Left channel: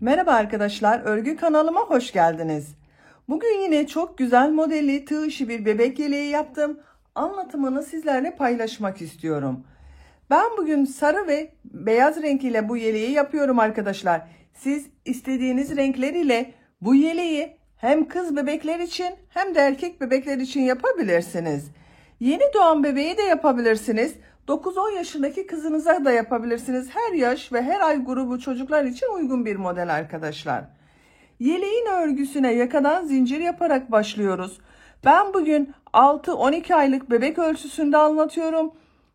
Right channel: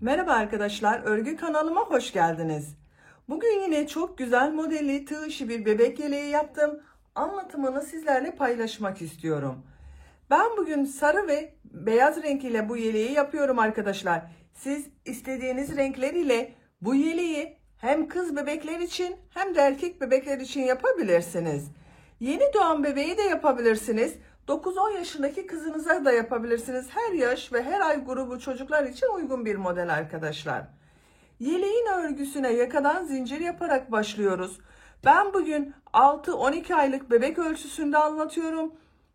Merhaba arkadaşlar, örgü kanalıma hoş geldiniz. Bugün yine çok güzel modelli tığ işi bir bebek yeleği yaptım. Anlatımını sizlerle paylaşmak istiyorum. Ben bugün sarı ve beyaz renk ile bu yeleği yapıyorum arkadaşlar. Siz istediğiniz renkler ile bu yeleği hem kız bebekler için hem de erkek bebekler için yapabilirsiniz. Yeni doğan bebeği de yapabilirsiniz. 9-10 yaşındaki kızınıza da yapabilirsiniz. Her yaş ve her ay grubu çocuklar için uygun bir model arkadaşlar. Yeleğin örgüsüne yakadan zincir yaparak başlıyoruz. Ben bugün 6-12 aylık bebek ölçüsünde anlatıyorum.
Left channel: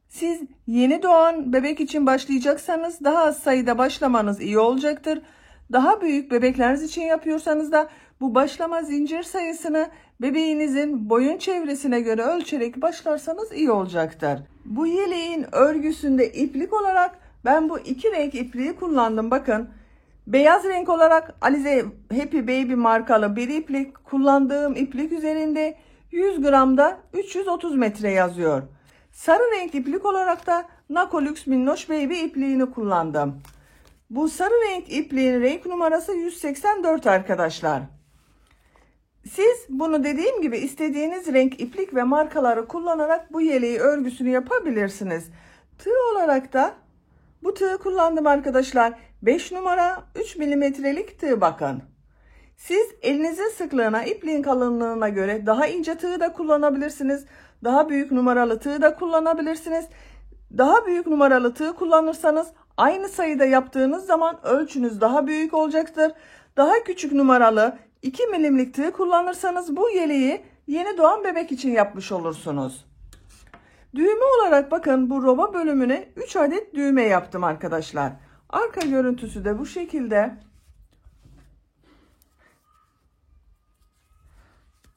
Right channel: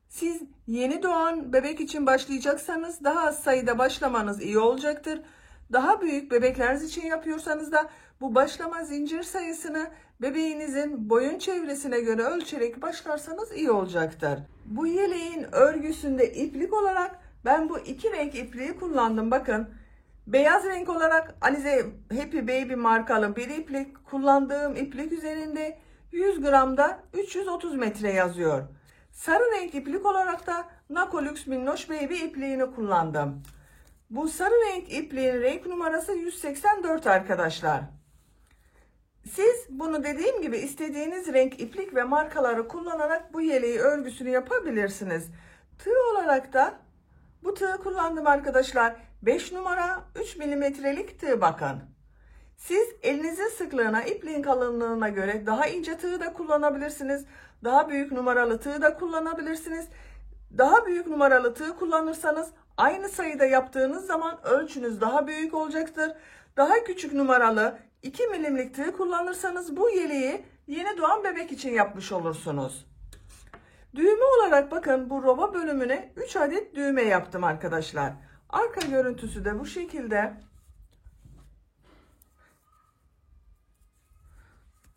Siz yeni doğan bebek için başlayacaksanız daha az sayıda başlamanız iyi olacaktır. Daha büyük bebekleriniz için yapıyorsanız da bu başlama zincir sayısını bebeğinizin boyun çevresine göre ölçerek başlarsanız iyi olacaktır. Bu yeleğin örgüsünde iplik olarak ben bu iki renk ipliği kullandım. Bakın, beyaz renk olarak Alize Happy Baby markalı bir iplik, kullandığım iplik üzerinde 100 gramda 330 metre yazıyor. Sarı renk iplik olarak da Nakolux Minnoş Baby ipliğini kullandım. Bu sarı renk ipliğin renk numarası 184 arkadaşlar. Siz bunu dediğim gibi istediğiniz renk iplik ve markaları kullanarak bu yeleği örgüsünü yapabilirsiniz. Tığ olarak da bu tığı kullandım arkadaşlar. 5 numara 3 milimetrelik tığ bakın. Siz elinizin sıklığına, ipliğin kalınlığına göre daha ince tığ da kullanabilirsiniz. Daha büyük numaralı tığ da kullanabilirsiniz. Daha büyük numaralı tığ kullanırsanız aynı sayıda yaptığınız zaman ölçünüz daha büyük olacaktır. Daha küçük numaralı 2 milimlik tığ kullanırsanız bu yeleği yeni doğan bebek için yapmış olursunuz. Düğme olarak bakın, bu roba bölümüne 3 adet düğme yaptım arkadaşlar. Arka görüntüsü de bu şekilde.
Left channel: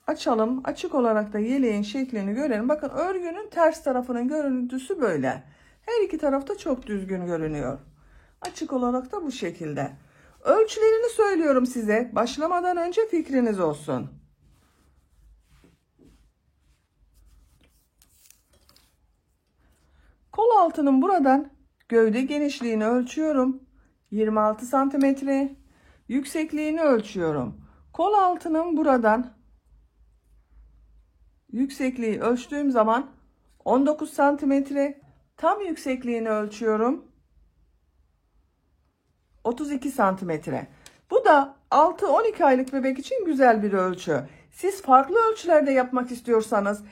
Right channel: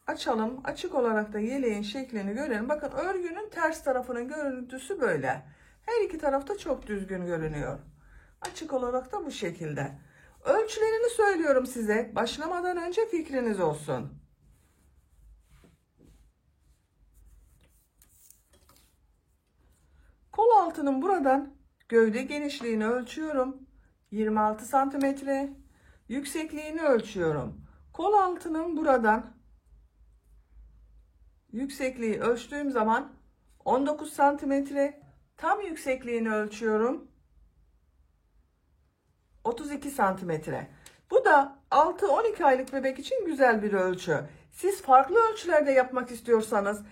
Açalım. Açık olarak da yeleğin şeklini görelim. Bakın, örgünün ters tarafının görüntüsü böyle. Her iki tarafta çok düzgün görünüyor. Açık olarak da bu şekilde. Ölçülerini söylüyorum size. Başlamadan önce fikriniz olsun. Kol altının buradan gövde genişliğini ölçüyorum. 26 santimetre. Yüksekliğini ölçüyorum. Kol altının buradan yüksekliği ölçtüğüm zaman 19 santimetre. Tam yüksekliğini ölçüyorum. 32 santimetre. Bu da 6-12 aylık bebek için güzel bir ölçü. Siz farklı ölçülerde yapmak istiyorsanız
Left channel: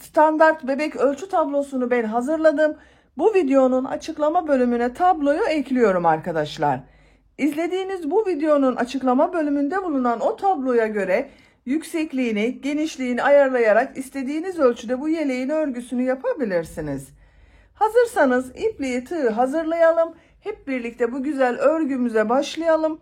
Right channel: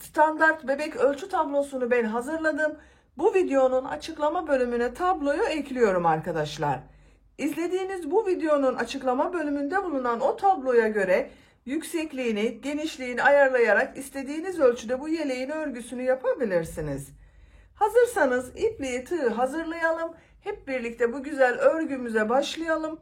standart bebek ölçü tablosunu ben hazırladım. Bu videonun açıklama bölümüne tabloyu ekliyorum arkadaşlar. İzlediğiniz bu videonun açıklama bölümünde bulunan o tabloya göre yüksekliğini, genişliğini ayarlayarak istediğiniz ölçüde bu yeleğin örgüsünü yapabilirsiniz. Hazırsanız ipliği, tığı hazırlayalım. Hep birlikte bu güzel örgümüze başlayalım.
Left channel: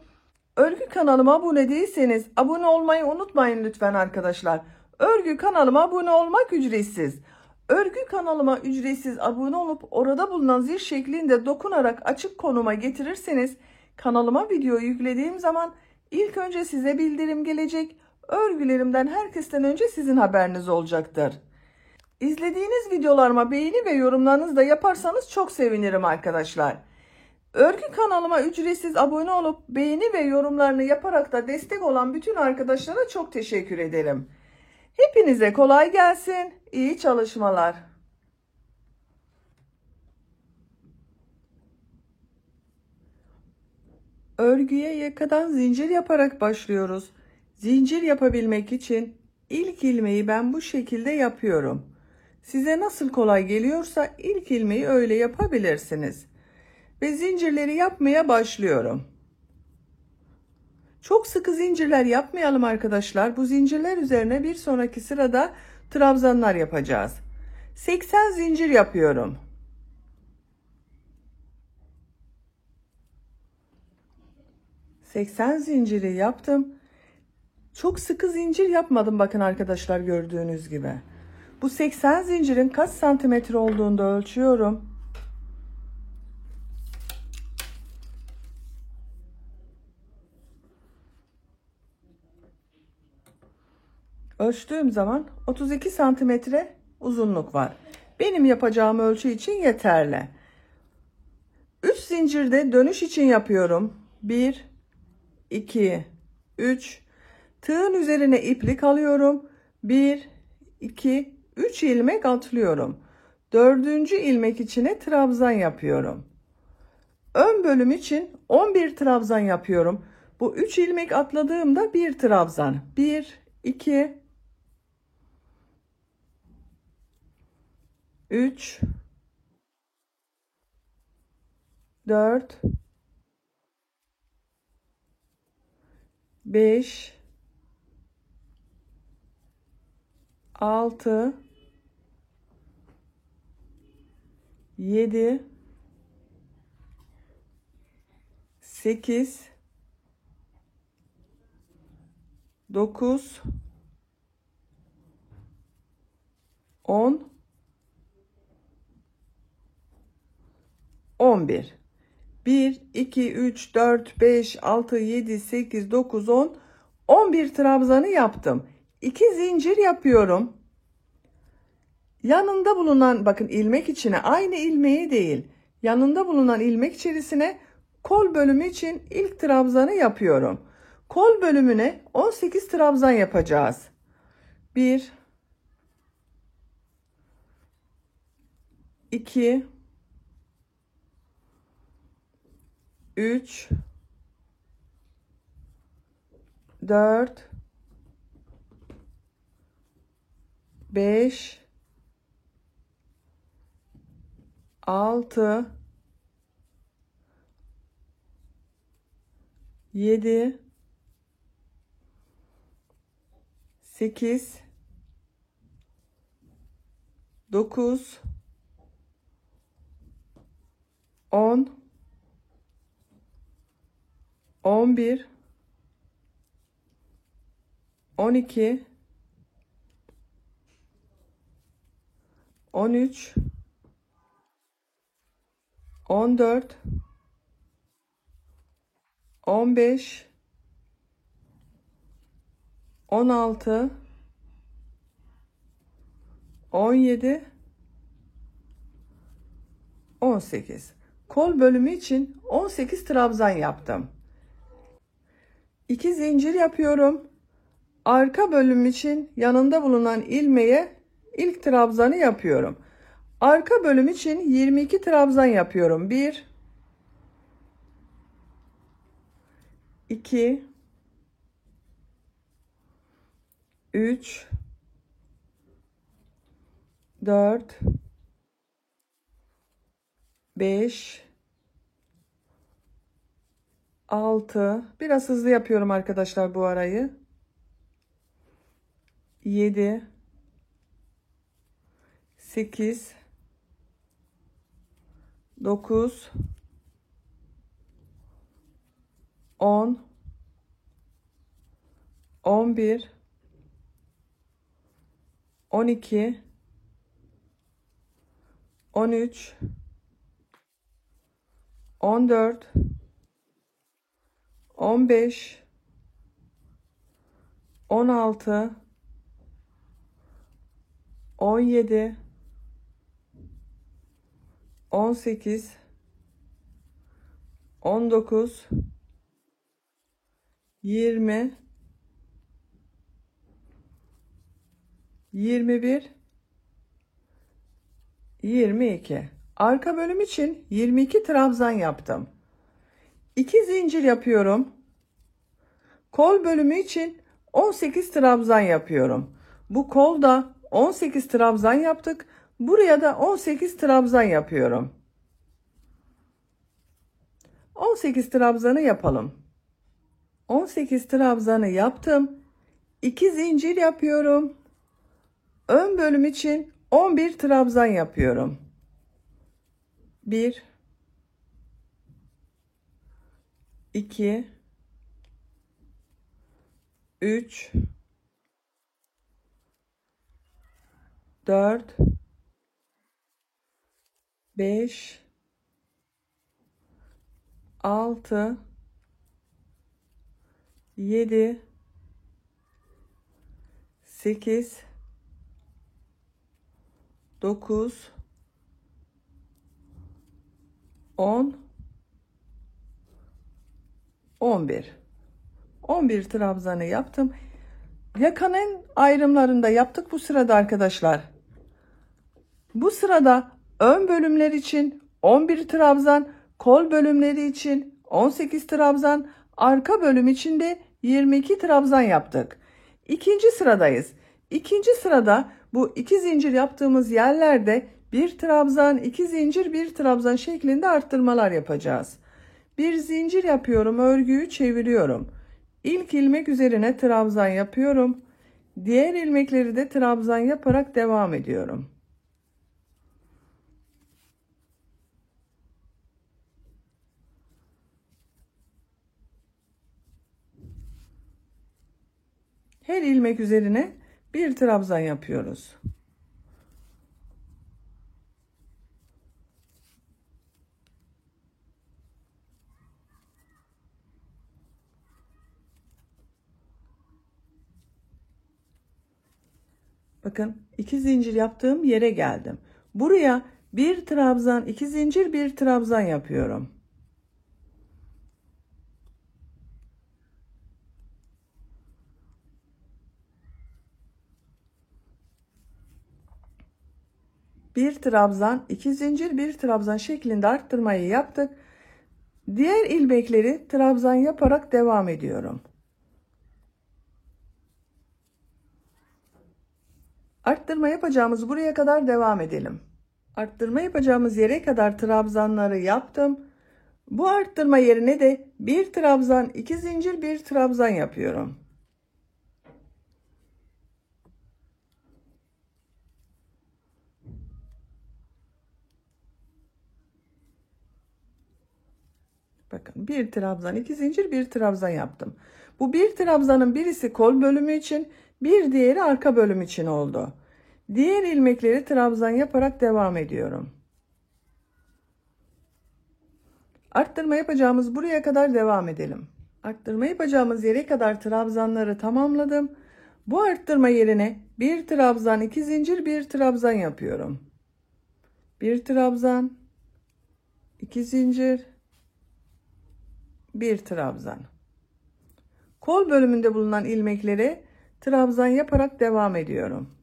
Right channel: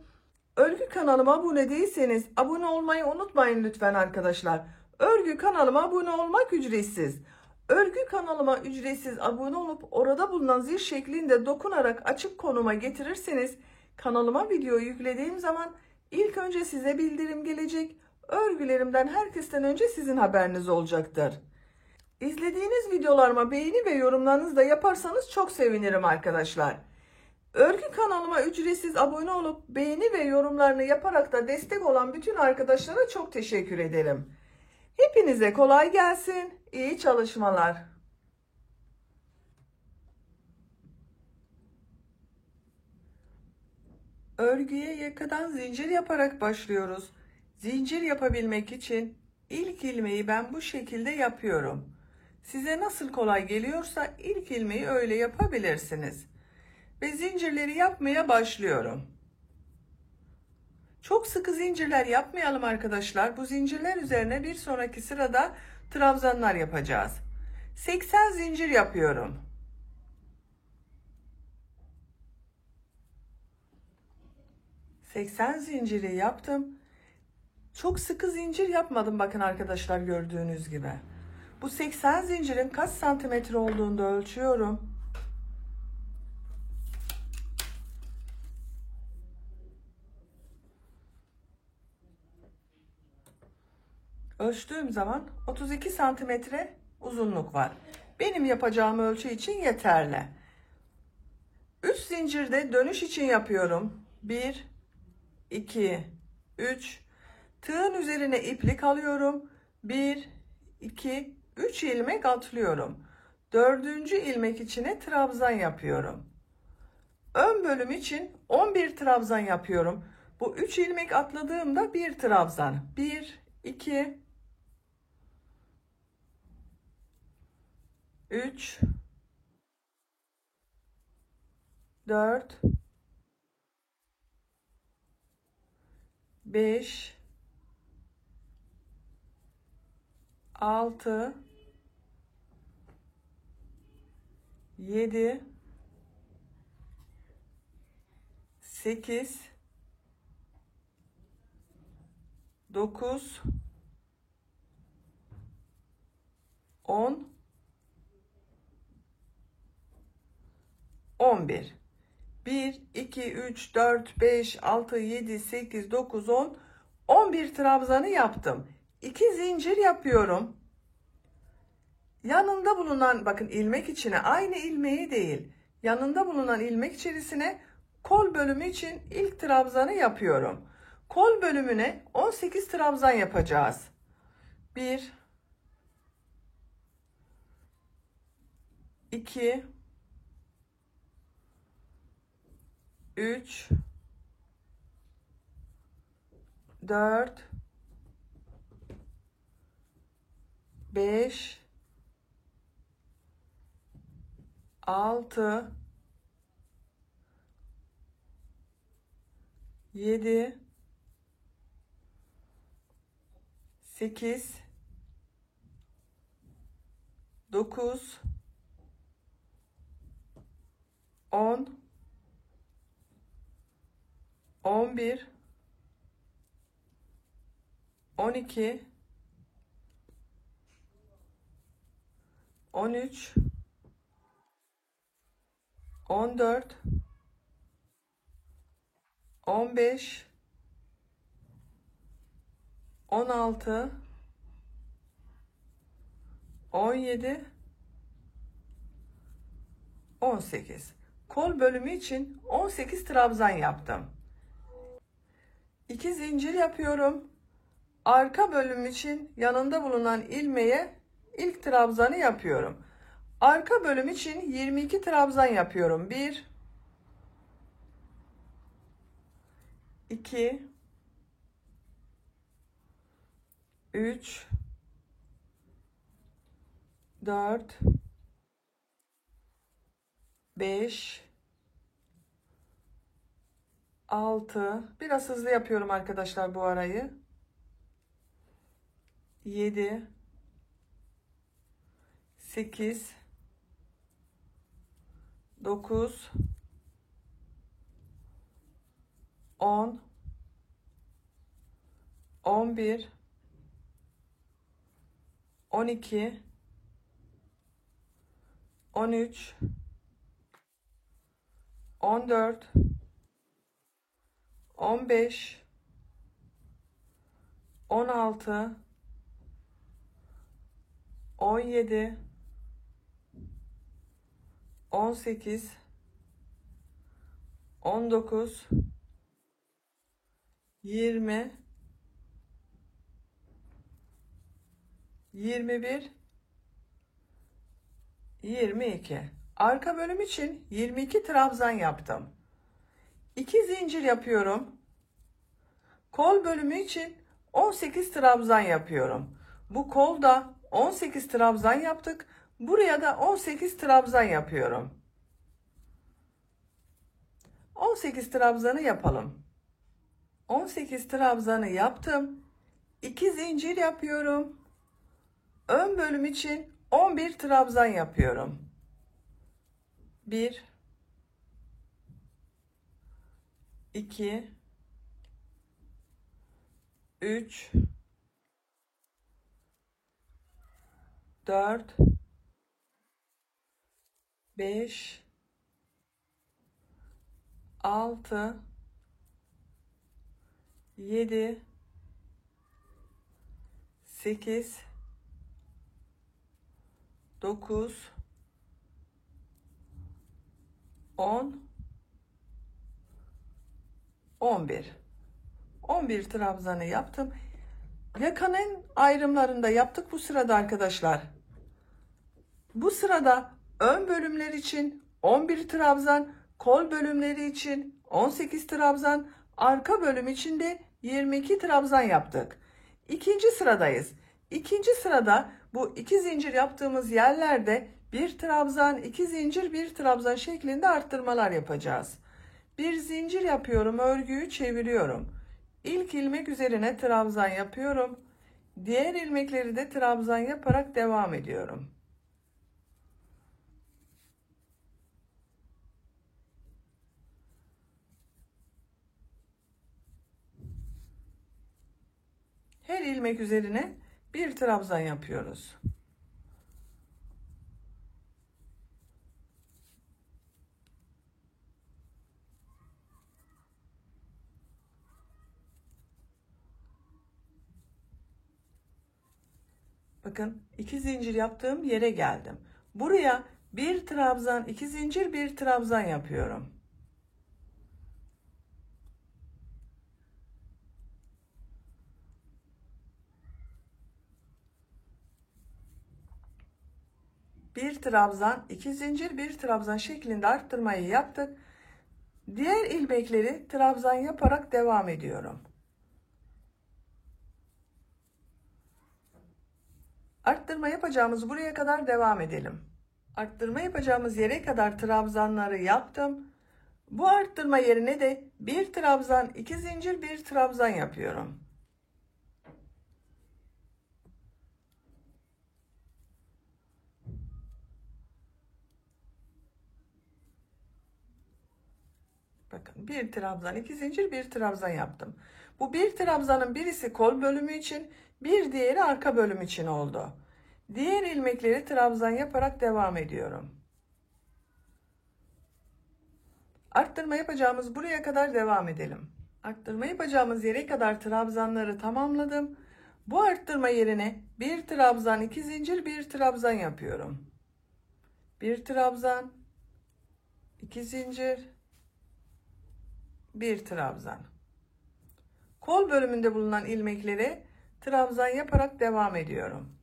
Örgü kanalıma abone değilseniz abone olmayı unutmayın lütfen arkadaşlar. Örgü kanalıma abone olmak ücretsiz. Örgü kanalıma ücretsiz abone olup orada bulunan zil şeklinde dokunarak açık konuma getirirseniz kanalıma video yüklediğim zaman ilk önce size bildirim gelecek. Örgülerimden herkesten önce sizin haberiniz olacaktır. İzlediğiniz videolarıma beğeni ve yorumlarınızı da yaparsanız çok sevinirim arkadaşlar. Örgü kanalıma ücretsiz abone olup beğeni ve yorumlarını yaparak da destek olan bütün arkadaşlara çok teşekkür ederim. Hepinize kolay gelsin, iyi çalışmalar. Örgüye yakadan zincir yaparak başlıyoruz. Zincir yapabilmek için ilk ilmeği ben bu şekilde yapıyorum. Size nasıl kolay geliyorsa ilk ilmeği öyle yapabilirsiniz. Ve zincirleri yapmaya başlıyorum. Çok sıkı zincirler yapmayalım arkadaşlar. Bu zincirler üzerine bir sonraki sırada trabzanlar yapacağız. 80 zincir yapıyorum. Zinciri yaptım. Çok sıkı zincir yapmadım bakın arkadaşlar, gördüğünüz gibi. Bu 80 zincirin kaç santimetre olduğunu da ölçüyorum. Ölçtüğüm zaman 32 santimetre uzunluk var. Benim yapacağım ölçü için yeterli. 3 zincirde dönüş için yapıyorum. 1 2, 3. Tığın üzerine iplik alıyorum. 1, 2, 3 ilmek atlıyorum. Dördüncü ilmek içine trabzan yapıyorum. Ön bölüm için 11 trabzan yapıyorum. Bu 3 ilmek atladığımda bir trabzan. 1, 2, 3, 4, 5, 6, 7, 8, 9, 10, 11. 1, 2, 3, 4, 5, 6, 7, 8, 9, 10. 11 trabzanı yaptım. 2 zincir yapıyorum. Yanında bulunan, bakın, ilmek içine, aynı ilmeği değil, yanında bulunan ilmek içerisine kol bölümü için ilk trabzanı yapıyorum. Kol bölümüne 18 trabzan yapacağız. 1, 2, 3, 4, 5, 6, 7, 8, 9, 10, 11, 12, 13, 14, 15, 16, 17, 18. Kol bölümü için 18 trabzan yaptım. 2 zincir yapıyorum. Arka bölüm için yanında bulunan ilmeğe ilk trabzanı yapıyorum. Arka bölüm için 22 trabzan yapıyorum. 1, 2, 3, 4, 5, 6, biraz hızlı yapıyorum arkadaşlar bu arayı. 7, 8, 9, 10, 11, 12, 13, 14, 15, 16, 17, 18, 19, 20, 21, 22. Arka bölüm için 22 trabzan yaptım. 2 zincir yapıyorum. Kol bölümü için 18 trabzan yapıyorum. Bu kolda 18 trabzan yaptık. Buraya da 18 trabzan yapıyorum. 18 trabzanı yapalım. 18 trabzanı yaptım. 2 zincir yapıyorum. Ön bölüm için 11 trabzan yapıyorum. 1, 2, 3, 4, 5, 6, 7, 8, 9, 10, 11. 11 trabzanı yaptım. Yakanın ayrımlarında yaptık bu sırada arkadaşlar. Bu sırada ön bölümler için 11 trabzan, kol bölümleri için 18 trabzan, arka bölüm için de 22 trabzan yaptık. İkinci sıradayız. İkinci sırada bu 2 zincir yaptığımız yerlerde 1 trabzan, 2 zincir, 1 trabzan şeklinde arttırmalar yapacağız. Bir zincir yapıyorum, örgüyü çeviriyorum. İlk ilmek üzerine trabzan yapıyorum. Diğer ilmekleri de trabzan yaparak devam ediyorum. Her ilmek üzerine bir trabzan yapıyoruz. Bakın 2 zincir yaptığım yere geldim. Buraya bir trabzan, 2 zincir, bir trabzan yapıyorum. Bir trabzan, 2 zincir, bir trabzan şeklinde arttırmayı yaptık. Diğer ilmekleri trabzan yaparak devam ediyorum. Arttırma yapacağımız buraya kadar devam edelim. Arttırma yapacağımız yere kadar trabzanları yaptım. Bu arttırma yerine de bir trabzan, 2 zincir, bir trabzan yapıyorum. Bakın bir trabzan, 2 zincir, bir trabzan yaptım. Bu bir trabzanın birisi kol bölümü için, bir diğeri arka bölüm için oldu. Diğer ilmekleri trabzan yaparak devam ediyorum. Arttırma yapacağımız buraya kadar devam edelim. Arttırma yapacağımız yere kadar trabzanları tamamladım. Bu arttırma yerine bir trabzan, 2 zincir, bir trabzan yapıyorum. Bir trabzan, 2 zincir, bir trabzan. Kol bölümünde bulunan ilmekleri trabzan yaparak devam ediyorum.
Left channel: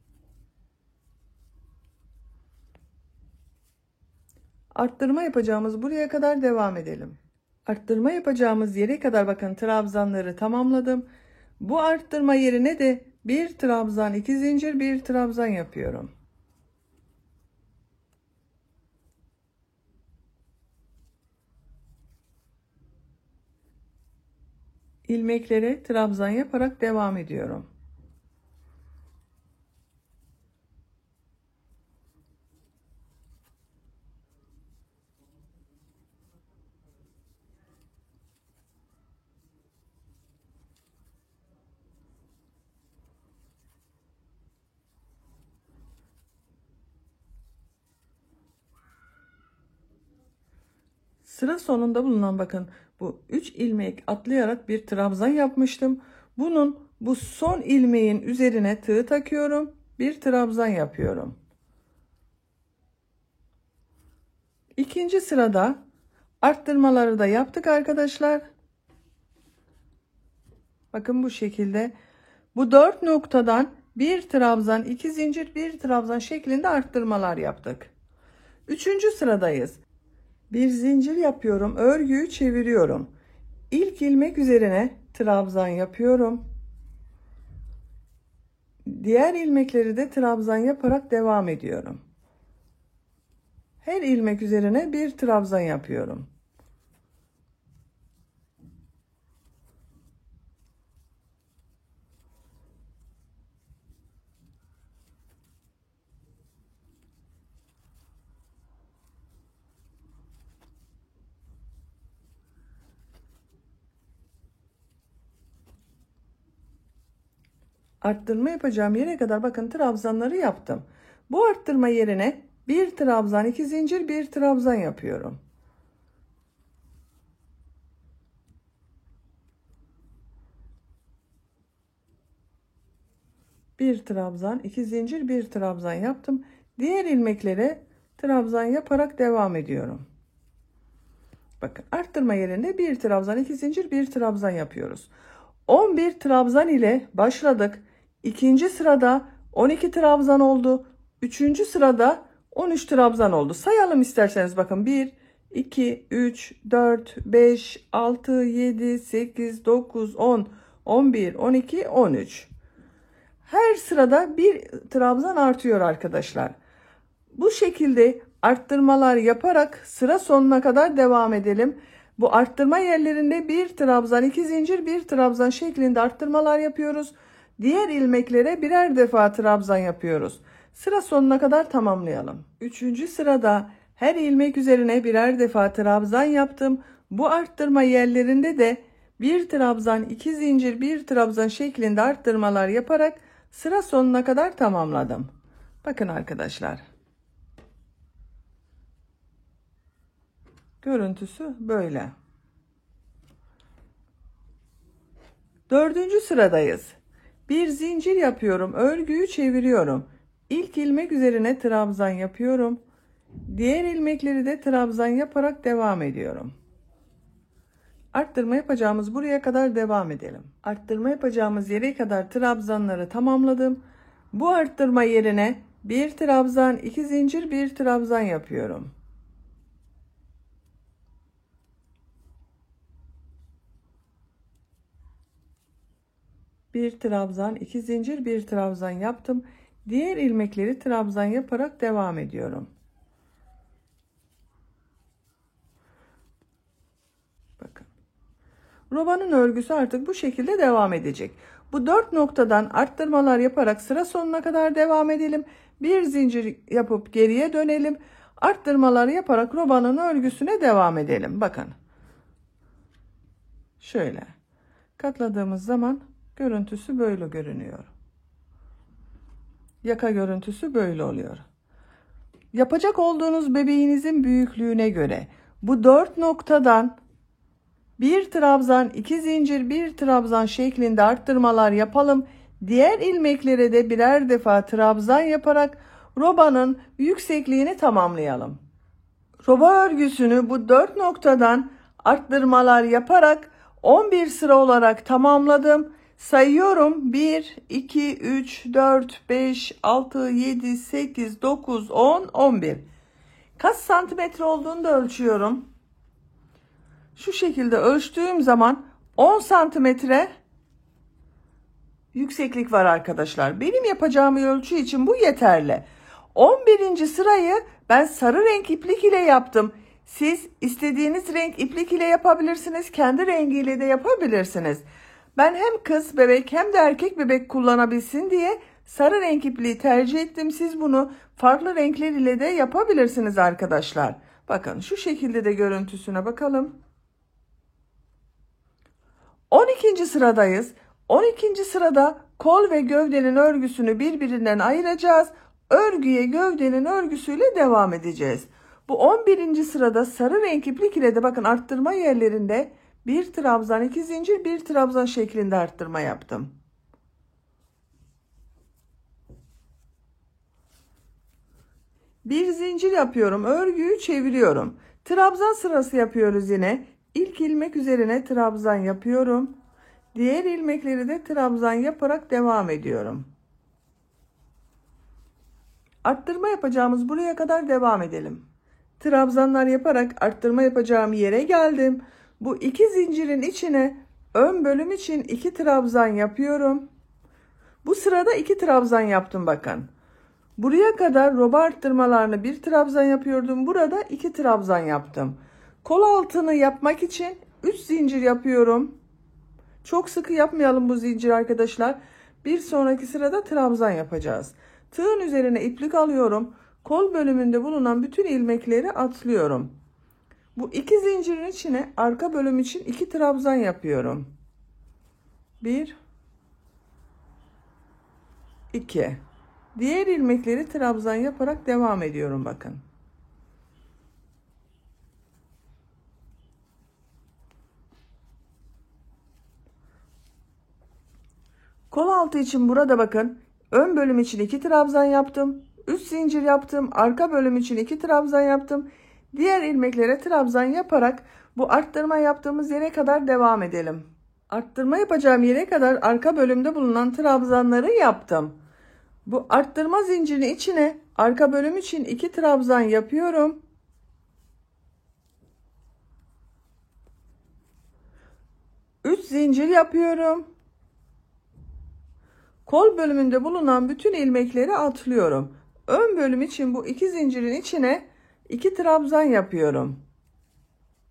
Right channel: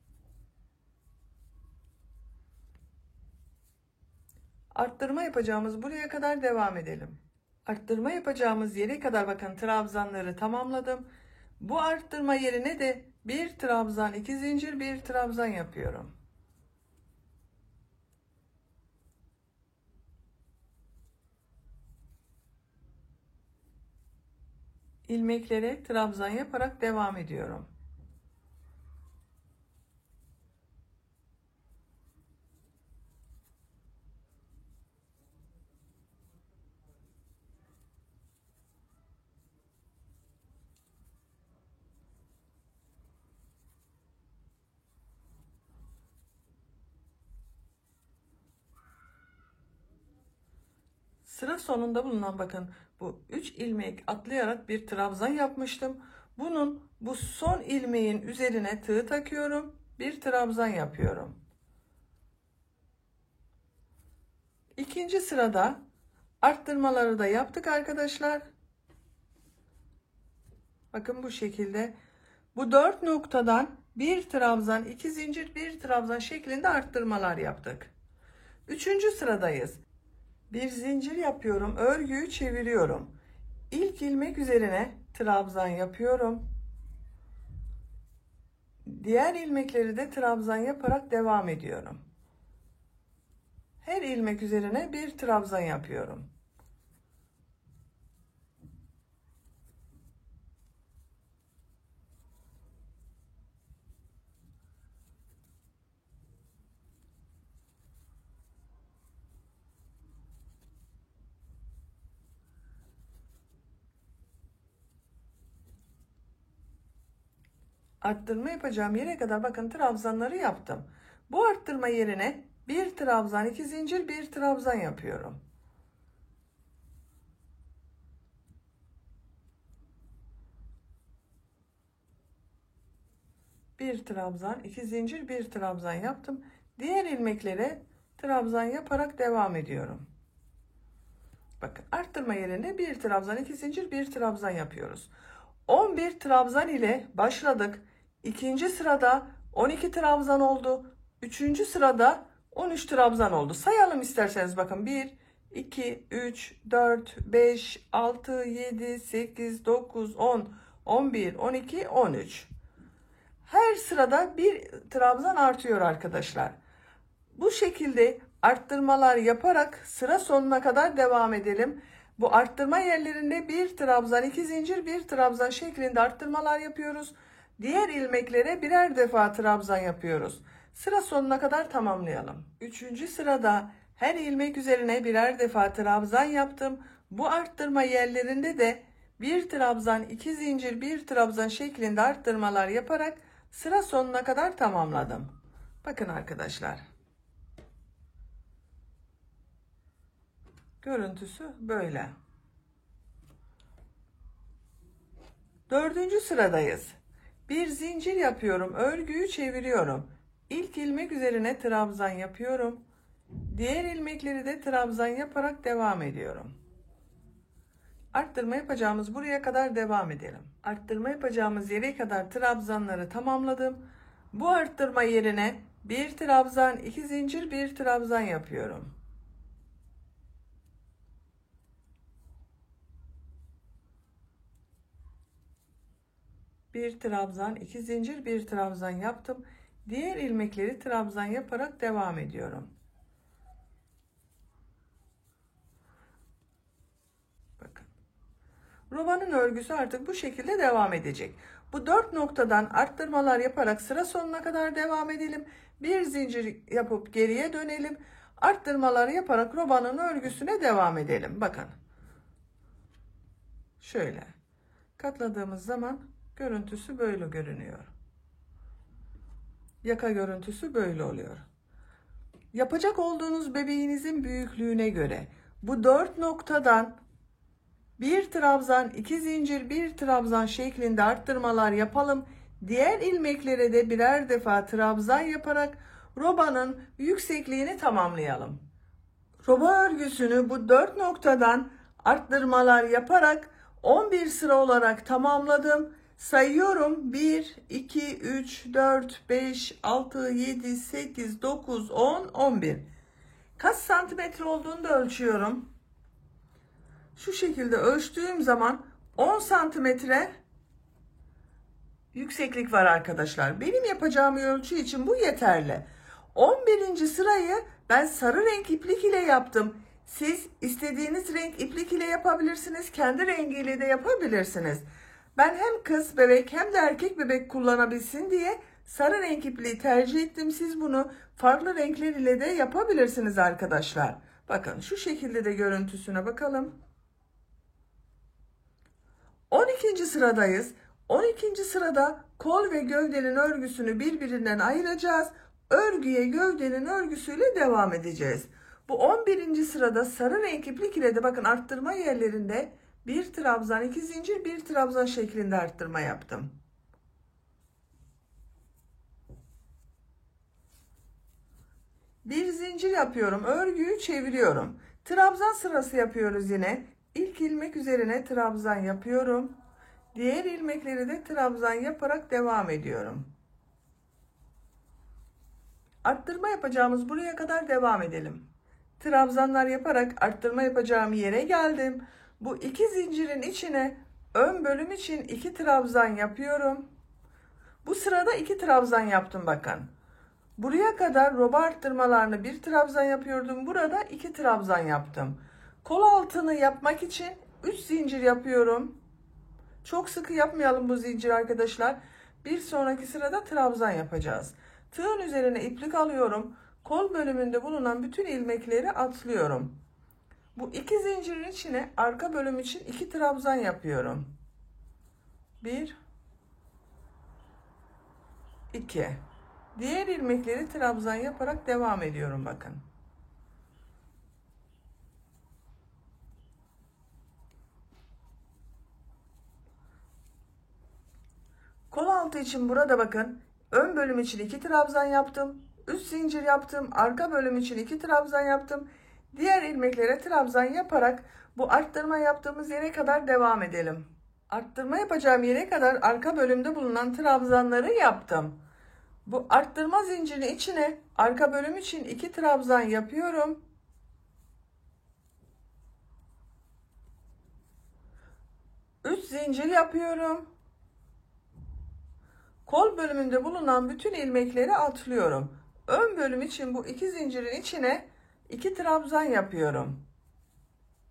Arttırma yapacağımız buraya kadar devam edelim. Arttırma yapacağımız yere kadar bakın trabzanları tamamladım. Bu arttırma yerine de bir trabzan, 2 zincir, bir trabzan yapıyorum. İlmekleri trabzan yaparak devam ediyorum. Sıra sonunda bulunan bakın bu 3 ilmek atlayarak bir trabzan yapmıştım. Bunun bu son ilmeğin üzerine tığ takıyorum. Bir trabzan yapıyorum. İkinci sırada arttırmaları da yaptık arkadaşlar. Bakın bu şekilde bu 4 noktadan bir trabzan, 2 zincir, bir trabzan şeklinde arttırmalar yaptık. Üçüncü sıradayız. Bir zincir yapıyorum, örgüyü çeviriyorum. İlk ilmek üzerine trabzan yapıyorum. Diğer ilmekleri de trabzan yaparak devam ediyorum. Her ilmek üzerine bir trabzan yapıyorum. Arttırma yapacağım yere kadar bakın trabzanları yaptım. Bu arttırma yerine bir trabzan, 2 zincir, bir trabzan yapıyorum. Bir trabzan, 2 zincir, bir trabzan yaptım. Diğer ilmeklere trabzan yaparak devam ediyorum. Bakın arttırma yerine bir trabzan, 2 zincir, bir trabzan yapıyoruz. 11 trabzan ile başladık. İkinci sırada 12 trabzan oldu. Üçüncü sırada 13 trabzan oldu. Sayalım isterseniz, bakın 1, 2, 3, 4, 5, 6, 7, 8, 9, 10, 11, 12, 13. Her sırada bir trabzan artıyor arkadaşlar. Bu şekilde arttırmalar yaparak sıra sonuna kadar devam edelim. Bu arttırma yerlerinde bir trabzan, iki zincir, bir trabzan şeklinde arttırmalar yapıyoruz. Diğer ilmeklere birer defa trabzan yapıyoruz. Sıra sonuna kadar tamamlayalım. Üçüncü sırada her ilmek üzerine birer defa trabzan yaptım. Bu arttırma yerlerinde de bir trabzan, iki zincir, bir trabzan şeklinde arttırmalar yaparak sıra sonuna kadar tamamladım. Bakın arkadaşlar. Görüntüsü böyle. Dördüncü sıradayız. Bir zincir yapıyorum. Örgüyü çeviriyorum. İlk ilmek üzerine trabzan yapıyorum. Diğer ilmekleri de trabzan yaparak devam ediyorum. Arttırma yapacağımız buraya kadar devam edelim. Arttırma yapacağımız yere kadar trabzanları tamamladım. Bu arttırma yerine bir trabzan, iki zincir, bir trabzan yapıyorum. Bir trabzan, iki zincir, bir trabzan yaptım. Diğer ilmekleri trabzan yaparak devam ediyorum. Bakın. Robanın örgüsü artık bu şekilde devam edecek. Bu 4 noktadan arttırmalar yaparak sıra sonuna kadar devam edelim. Bir zincir yapıp geriye dönelim. Arttırmalar yaparak robanın örgüsüne devam edelim. Bakın. Şöyle. Katladığımız zaman görüntüsü böyle görünüyor. Yaka görüntüsü böyle oluyor. Yapacak olduğunuz bebeğinizin büyüklüğüne göre bu 4 noktadan bir trabzan, iki zincir, bir trabzan şeklinde arttırmalar yapalım. Diğer ilmeklere de birer defa trabzan yaparak robanın yüksekliğini tamamlayalım. Roba örgüsünü bu 4 noktadan arttırmalar yaparak 11 sıra olarak tamamladım. Sayıyorum: 1, 2, 3, 4, 5, 6, 7, 8, 9, 10, 11. Kaç santimetre olduğunu da ölçüyorum. Şu şekilde ölçtüğüm zaman 10 santimetre yükseklik var arkadaşlar. Benim yapacağım ölçü için bu yeterli. 11. sırayı ben sarı renk iplik ile yaptım. Siz istediğiniz renk iplik ile yapabilirsiniz. Kendi rengiyle de yapabilirsiniz. Ben hem kız bebek hem de erkek bebek kullanabilsin diye sarı renk ipliği tercih ettim. Siz bunu farklı renkler ile de yapabilirsiniz arkadaşlar. Bakın şu şekilde de görüntüsüne bakalım. 12. sıradayız. 12. sırada kol ve gövdenin örgüsünü birbirinden ayıracağız. Örgüye gövdenin örgüsüyle devam edeceğiz. Bu 11. sırada sarı renk iplik ile de bakın arttırma yerlerinde bir trabzan, iki zincir, bir trabzan şeklinde arttırma yaptım. Bir zincir yapıyorum. Örgüyü çeviriyorum. Trabzan sırası yapıyoruz yine. İlk ilmek üzerine trabzan yapıyorum. Diğer ilmekleri de trabzan yaparak devam ediyorum. Arttırma yapacağımız buraya kadar devam edelim. Trabzanlar yaparak arttırma yapacağım yere geldim. Bu iki zincirin içine ön bölüm için 2 trabzan yapıyorum. Bu sırada 2 trabzan yaptım bakın. Buraya kadar roba arttırmalarını bir trabzan yapıyordum. Burada 2 trabzan yaptım. Kol altını yapmak için 3 zincir yapıyorum. Çok sıkı yapmayalım bu zincir arkadaşlar. Bir sonraki sırada trabzan yapacağız. Tığın üzerine iplik alıyorum. Kol bölümünde bulunan bütün ilmekleri atlıyorum. Bu iki zincirin içine arka bölüm için 2 trabzan yapıyorum. 1, 2. Diğer ilmekleri trabzan yaparak devam ediyorum bakın. Kol altı için burada bakın ön bölüm için 2 trabzan yaptım. 3 zincir yaptım. Arka bölüm için 2 trabzan yaptım. Diğer ilmeklere trabzan yaparak bu arttırma yaptığımız yere kadar devam edelim. Arttırma yapacağım yere kadar arka bölümde bulunan trabzanları yaptım. Bu arttırma zincirini içine arka bölüm için 2 trabzan yapıyorum. Üç zincir yapıyorum. Kol bölümünde bulunan bütün ilmekleri atlıyorum. Ön bölüm için bu 2 zincirin içine 2 trabzan yapıyorum.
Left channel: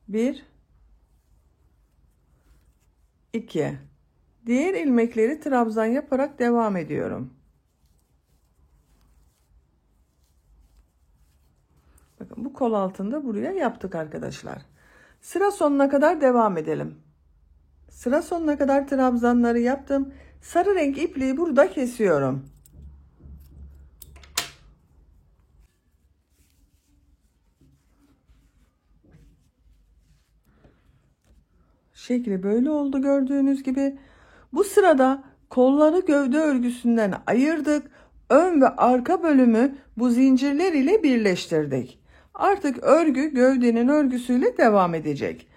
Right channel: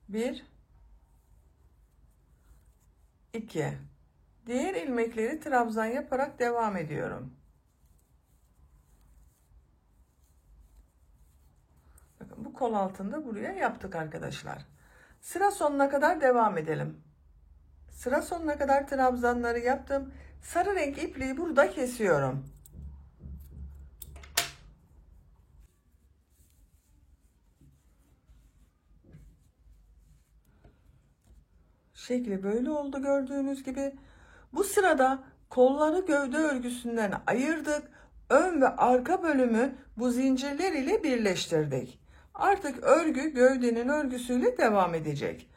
1 2. Diğer ilmekleri trabzan yaparak devam ediyorum. Bakın bu kol altında buraya yaptık arkadaşlar. Sıra sonuna kadar devam edelim. Sıra sonuna kadar trabzanları yaptım. Sarı renk ipliği burada kesiyorum. Şekli böyle oldu gördüğünüz gibi. Bu sırada kolları gövde örgüsünden ayırdık. Ön ve arka bölümü bu zincirler ile birleştirdik. Artık örgü gövdenin örgüsüyle devam edecek.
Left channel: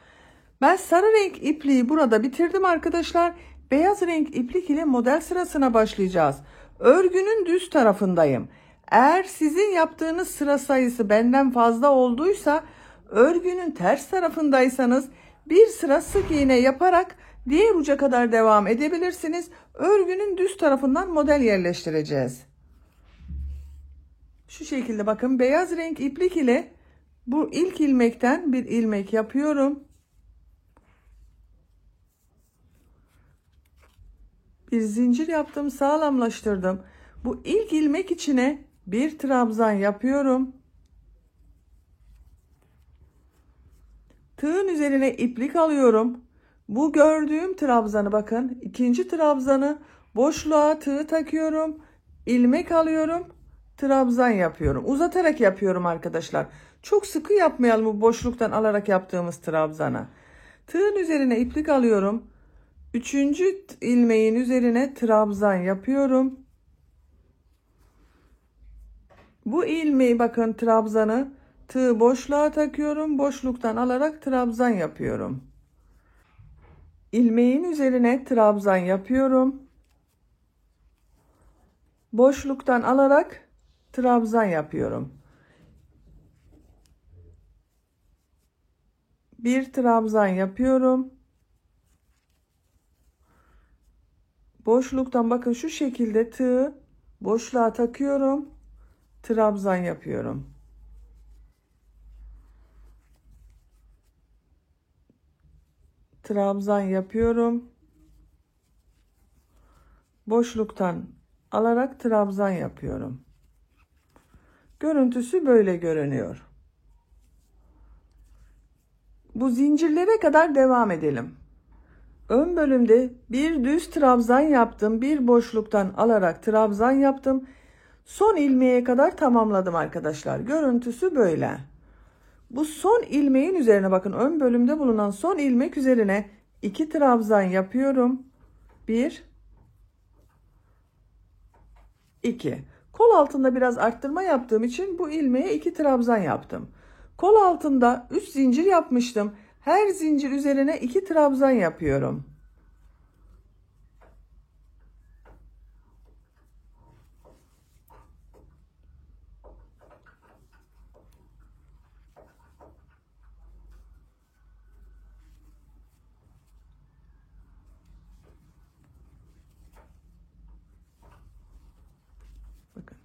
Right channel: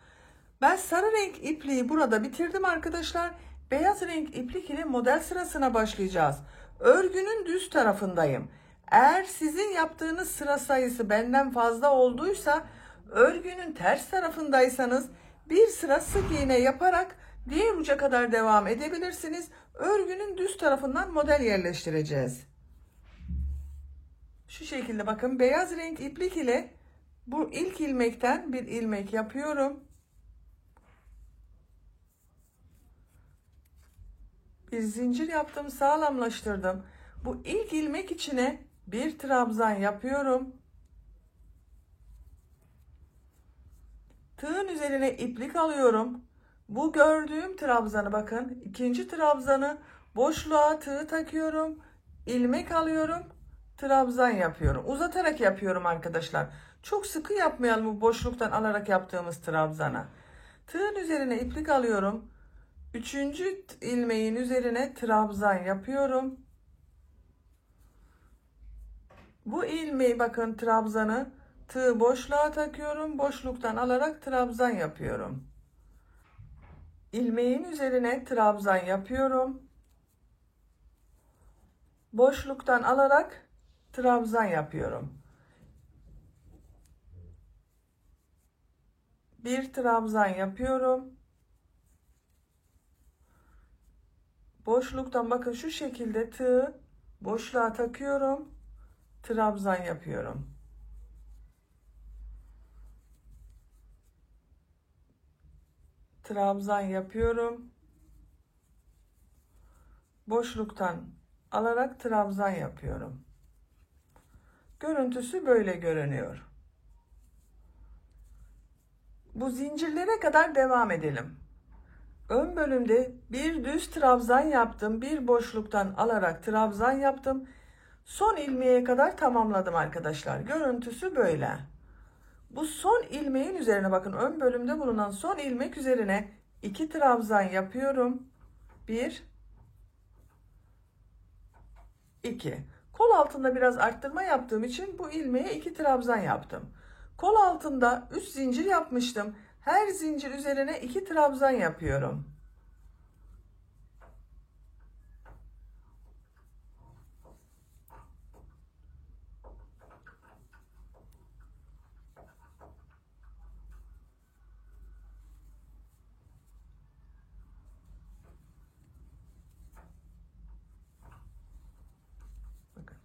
Ben sarı renk ipliği burada bitirdim arkadaşlar. Beyaz renk iplik ile model sırasına başlayacağız. Örgünün düz tarafındayım. Eğer sizin yaptığınız sıra sayısı benden fazla olduysa, örgünün ters tarafındaysanız bir sıra sık iğne yaparak diğer uca kadar devam edebilirsiniz. Örgünün düz tarafından model yerleştireceğiz. Şu şekilde bakın, beyaz renk iplik ile bu ilk ilmekten bir ilmek yapıyorum. Bir zincir yaptım, sağlamlaştırdım. Bu ilk ilmek içine bir trabzan yapıyorum. Tığın üzerine iplik alıyorum. Bu gördüğüm trabzanı bakın, ikinci trabzanı boşluğa tığ takıyorum. İlmek alıyorum. Trabzan yapıyorum. Uzatarak yapıyorum arkadaşlar. Çok sıkı yapmayalım bu boşluktan alarak yaptığımız trabzana. Tığın üzerine iplik alıyorum. Üçüncü ilmeğin üzerine trabzan yapıyorum. Bu ilmeği bakın, trabzanı tığ boşluğa takıyorum. Boşluktan alarak trabzan yapıyorum. İlmeğin üzerine trabzan yapıyorum. Boşluktan alarak trabzan yapıyorum. Bir trabzan yapıyorum. Boşluktan bakın şu şekilde tığı boşluğa takıyorum. Trabzan yapıyorum. Trabzan yapıyorum. Boşluktan alarak trabzan yapıyorum. Görüntüsü böyle görünüyor. Bu zincirlere kadar devam edelim. Ön bölümde bir düz trabzan yaptım. Bir boşluktan alarak trabzan yaptım. Son ilmeğe kadar tamamladım arkadaşlar. Görüntüsü böyle. Bu son ilmeğin üzerine bakın, ön bölümde bulunan son ilmek üzerine 2 trabzan yapıyorum. 1 2. Kol altında biraz arttırma yaptığım için bu ilmeğe 2 trabzan yaptım. Kol altında 3 zincir yapmıştım. Her zincir üzerine 2 trabzan yapıyorum. Bakın.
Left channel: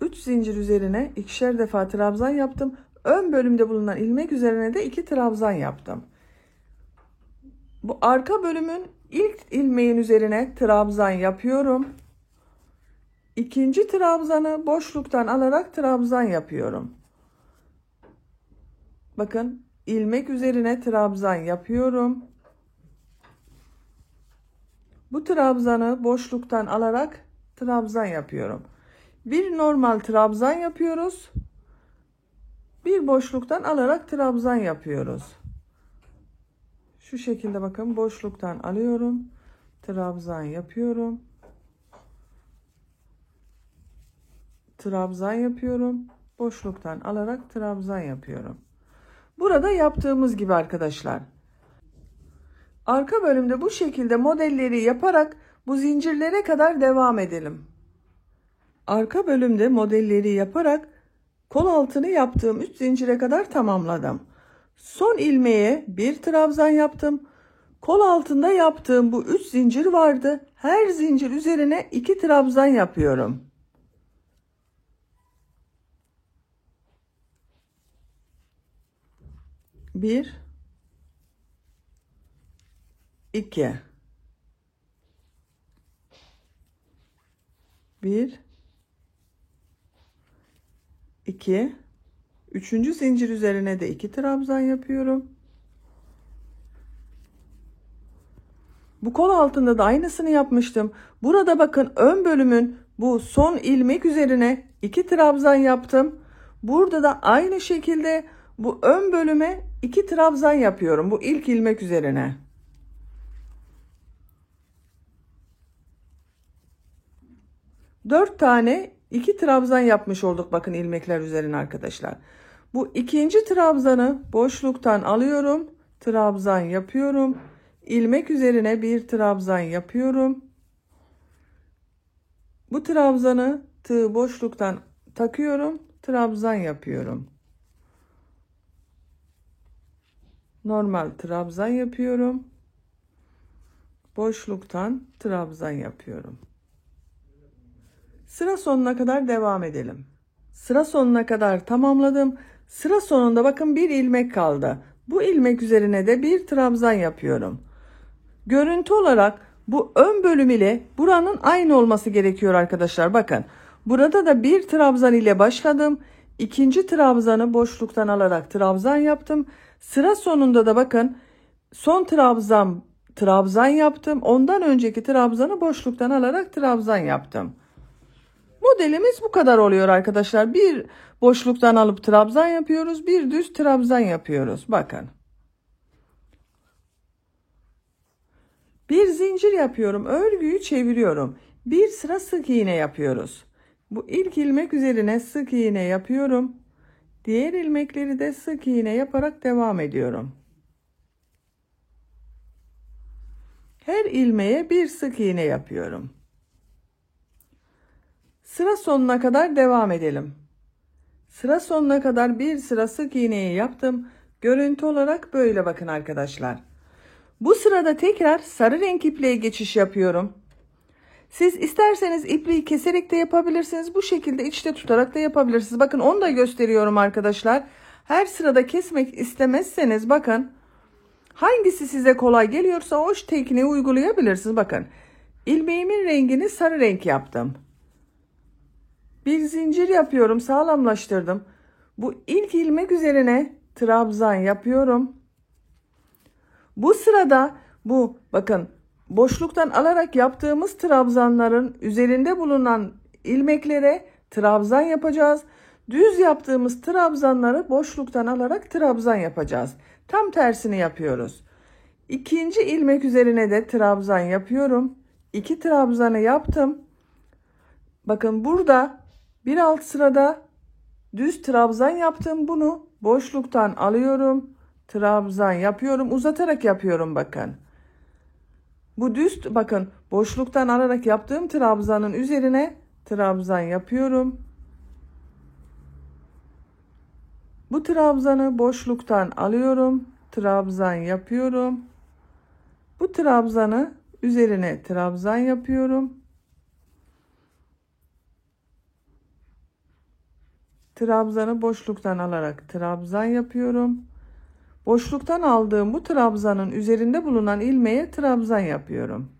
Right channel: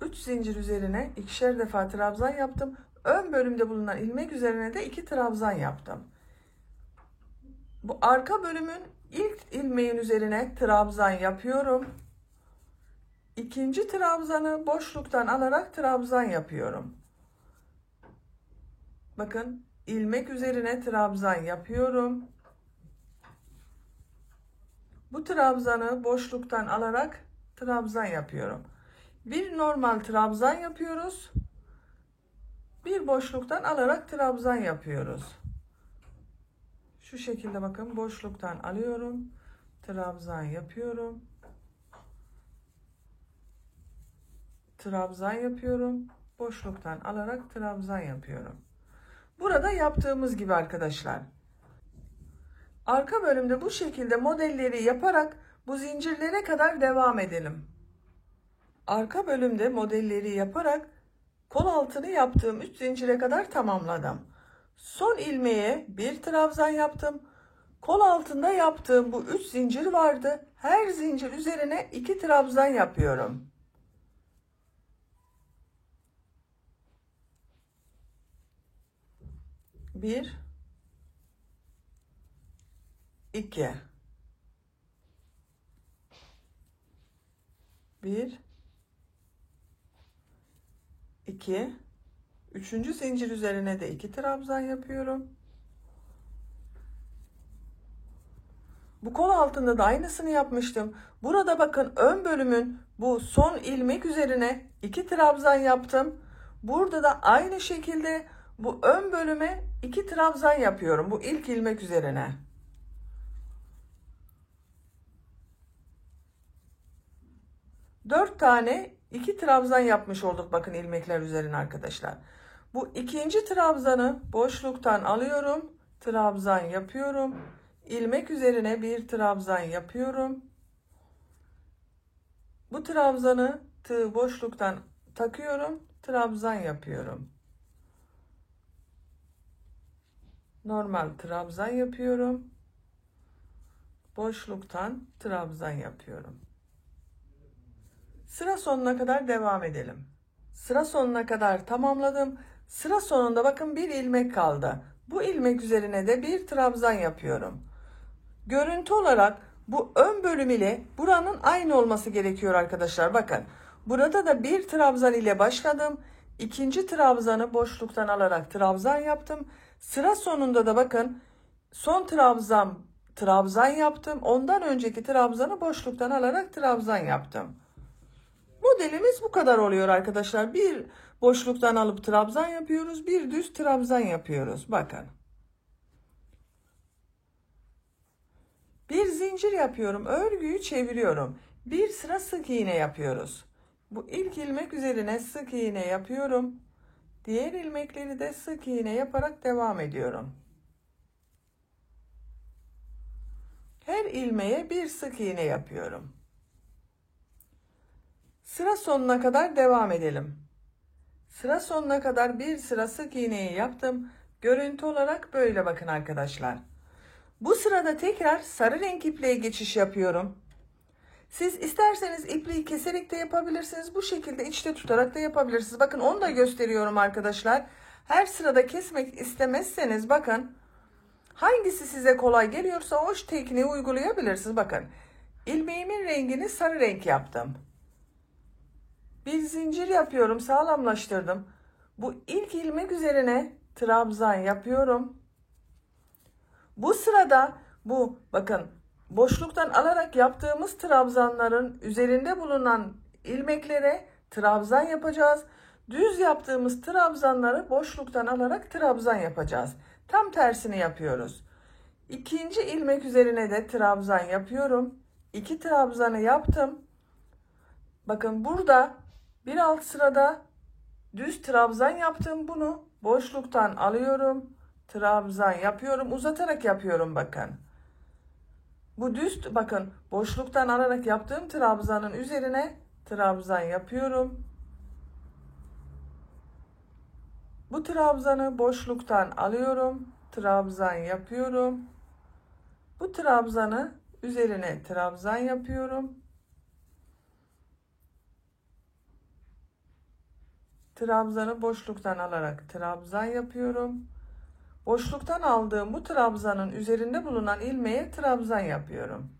3 zincir üzerine ikişer defa trabzan yaptım. Ön bölümde bulunan ilmek üzerine de 2 trabzan yaptım. Bu arka bölümün ilk ilmeğin üzerine trabzan yapıyorum. İkinci trabzanı boşluktan alarak trabzan yapıyorum. Bakın, ilmek üzerine trabzan yapıyorum. Bu trabzanı boşluktan alarak trabzan yapıyorum. Bir normal trabzan yapıyoruz. Bir boşluktan alarak trabzan yapıyoruz. Şu şekilde bakın, boşluktan alıyorum. Trabzan yapıyorum. Trabzan yapıyorum. Boşluktan alarak trabzan yapıyorum. Burada yaptığımız gibi arkadaşlar. Arka bölümde bu şekilde modelleri yaparak bu zincirlere kadar devam edelim. Arka bölümde modelleri yaparak kol altını yaptığım 3 zincire kadar tamamladım. Son ilmeğe bir trabzan yaptım. Kol altında yaptığım bu 3 zincir vardı. Her zincir üzerine 2 trabzan yapıyorum. Bir, iki, bir, iki, üçüncü zincir üzerine de 2 trabzan yapıyorum. Bu kol altında da aynısını yapmıştım. Burada bakın ön bölümün bu son ilmek üzerine 2 trabzan yaptım. Burada da aynı şekilde bu ön bölüme 2 trabzan yapıyorum. Bu ilk ilmek üzerine. Dört tane 2 trabzan yapmış olduk bakın ilmekler üzerine arkadaşlar. Bu ikinci trabzanı boşluktan alıyorum. Trabzan yapıyorum. İlmek üzerine bir trabzan yapıyorum. Bu trabzanı tığ boşluktan takıyorum. Trabzan yapıyorum. Normal trabzan yapıyorum. Boşluktan trabzan yapıyorum. Sıra sonuna kadar devam edelim. Sıra sonuna kadar tamamladım. Sıra sonunda bakın bir ilmek kaldı. Bu ilmek üzerine de bir trabzan yapıyorum. Görüntü olarak bu ön bölüm ile buranın aynı olması gerekiyor arkadaşlar. Bakın burada da bir trabzan ile başladım. İkinci trabzanı boşluktan alarak trabzan yaptım. Sıra sonunda da bakın son trabzan yaptım. Ondan önceki trabzanı boşluktan alarak trabzan yaptım. Modelimiz bu kadar oluyor arkadaşlar. Bir boşluktan alıp trabzan yapıyoruz. Bir düz trabzan yapıyoruz. Bakın. Bir zincir yapıyorum. Örgüyü çeviriyorum. Bir sıra sık iğne yapıyoruz. Bu ilk ilmek üzerine sık iğne yapıyorum. Diğer ilmekleri de sık iğne yaparak devam ediyorum. Her ilmeğe bir sık iğne yapıyorum. Sıra sonuna kadar devam edelim. Sıra sonuna kadar bir sıra sık iğneyi yaptım. Görüntü olarak böyle bakın arkadaşlar. Bu sırada tekrar sarı renk ipliğe geçiş yapıyorum. Siz isterseniz ipliği keserek de yapabilirsiniz. Bu şekilde içte tutarak da yapabilirsiniz. Bakın onu da gösteriyorum arkadaşlar. Her sırada kesmek istemezseniz bakın hangisi size kolay geliyorsa o tekniği uygulayabilirsiniz. Bakın ilmeğimin rengini sarı renk yaptım. Bir zincir yapıyorum, sağlamlaştırdım. Bu ilk ilmek üzerine trabzan yapıyorum. Bu sırada bu bakın boşluktan alarak yaptığımız trabzanların üzerinde bulunan ilmeklere trabzan yapacağız. Düz yaptığımız trabzanları boşluktan alarak trabzan yapacağız. Tam tersini yapıyoruz. İkinci ilmek üzerine de trabzan yapıyorum. 2 trabzanı yaptım. Bakın burada bir alt sırada düz trabzan yaptım. Bunu boşluktan alıyorum. Trabzan yapıyorum. Uzatarak yapıyorum bakın. Bu düz bakın boşluktan alarak yaptığım trabzanın üzerine trabzan yapıyorum. Bu trabzanı boşluktan alıyorum. Trabzan yapıyorum. Bu trabzanı üzerine trabzan yapıyorum. Trabzanı boşluktan alarak trabzan yapıyorum. Boşluktan aldığım bu trabzanın üzerinde bulunan ilmeğe trabzan yapıyorum.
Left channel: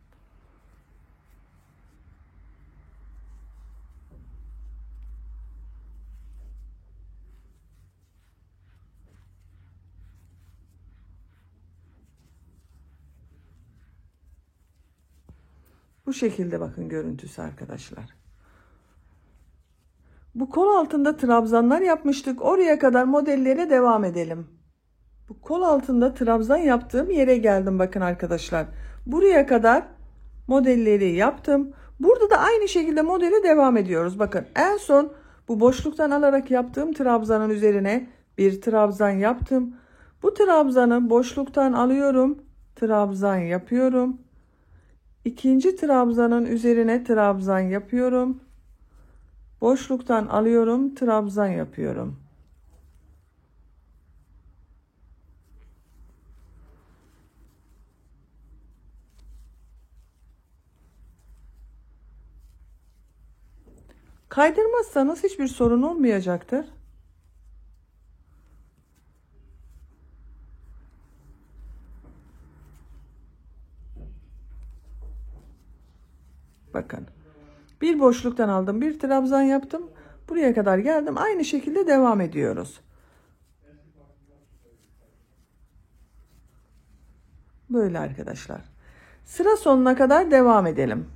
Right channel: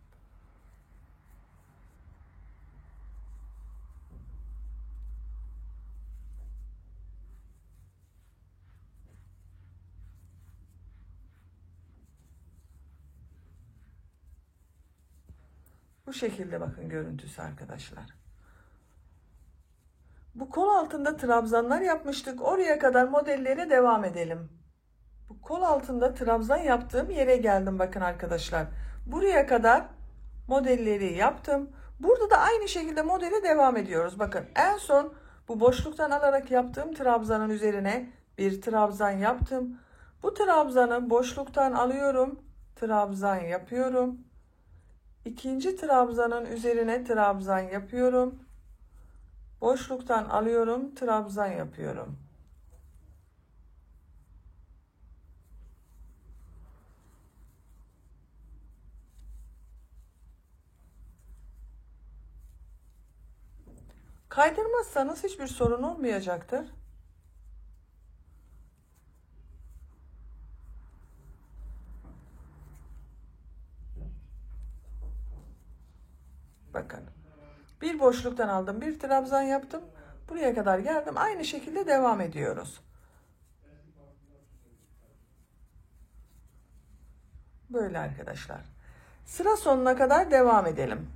Bu şekilde bakın görüntüsü arkadaşlar. Bu kol altında trabzanlar yapmıştık. Oraya kadar modellere devam edelim. Bu kol altında trabzan yaptığım yere geldim bakın arkadaşlar. Buraya kadar modelleri yaptım. Burada da aynı şekilde modeli devam ediyoruz. Bakın en son bu boşluktan alarak yaptığım trabzanın üzerine bir trabzan yaptım. Bu trabzanı boşluktan alıyorum. trabzan yapıyorum. İkinci trabzanın üzerine trabzan yapıyorum. Boşluktan alıyorum, trabzan yapıyorum. Kaydırmazsanız hiçbir sorun olmayacaktır. Bakın. Bir boşluktan aldım, bir trabzan yaptım. Buraya kadar geldim. Aynı şekilde devam ediyoruz. Böyle arkadaşlar. Sıra sonuna kadar devam edelim.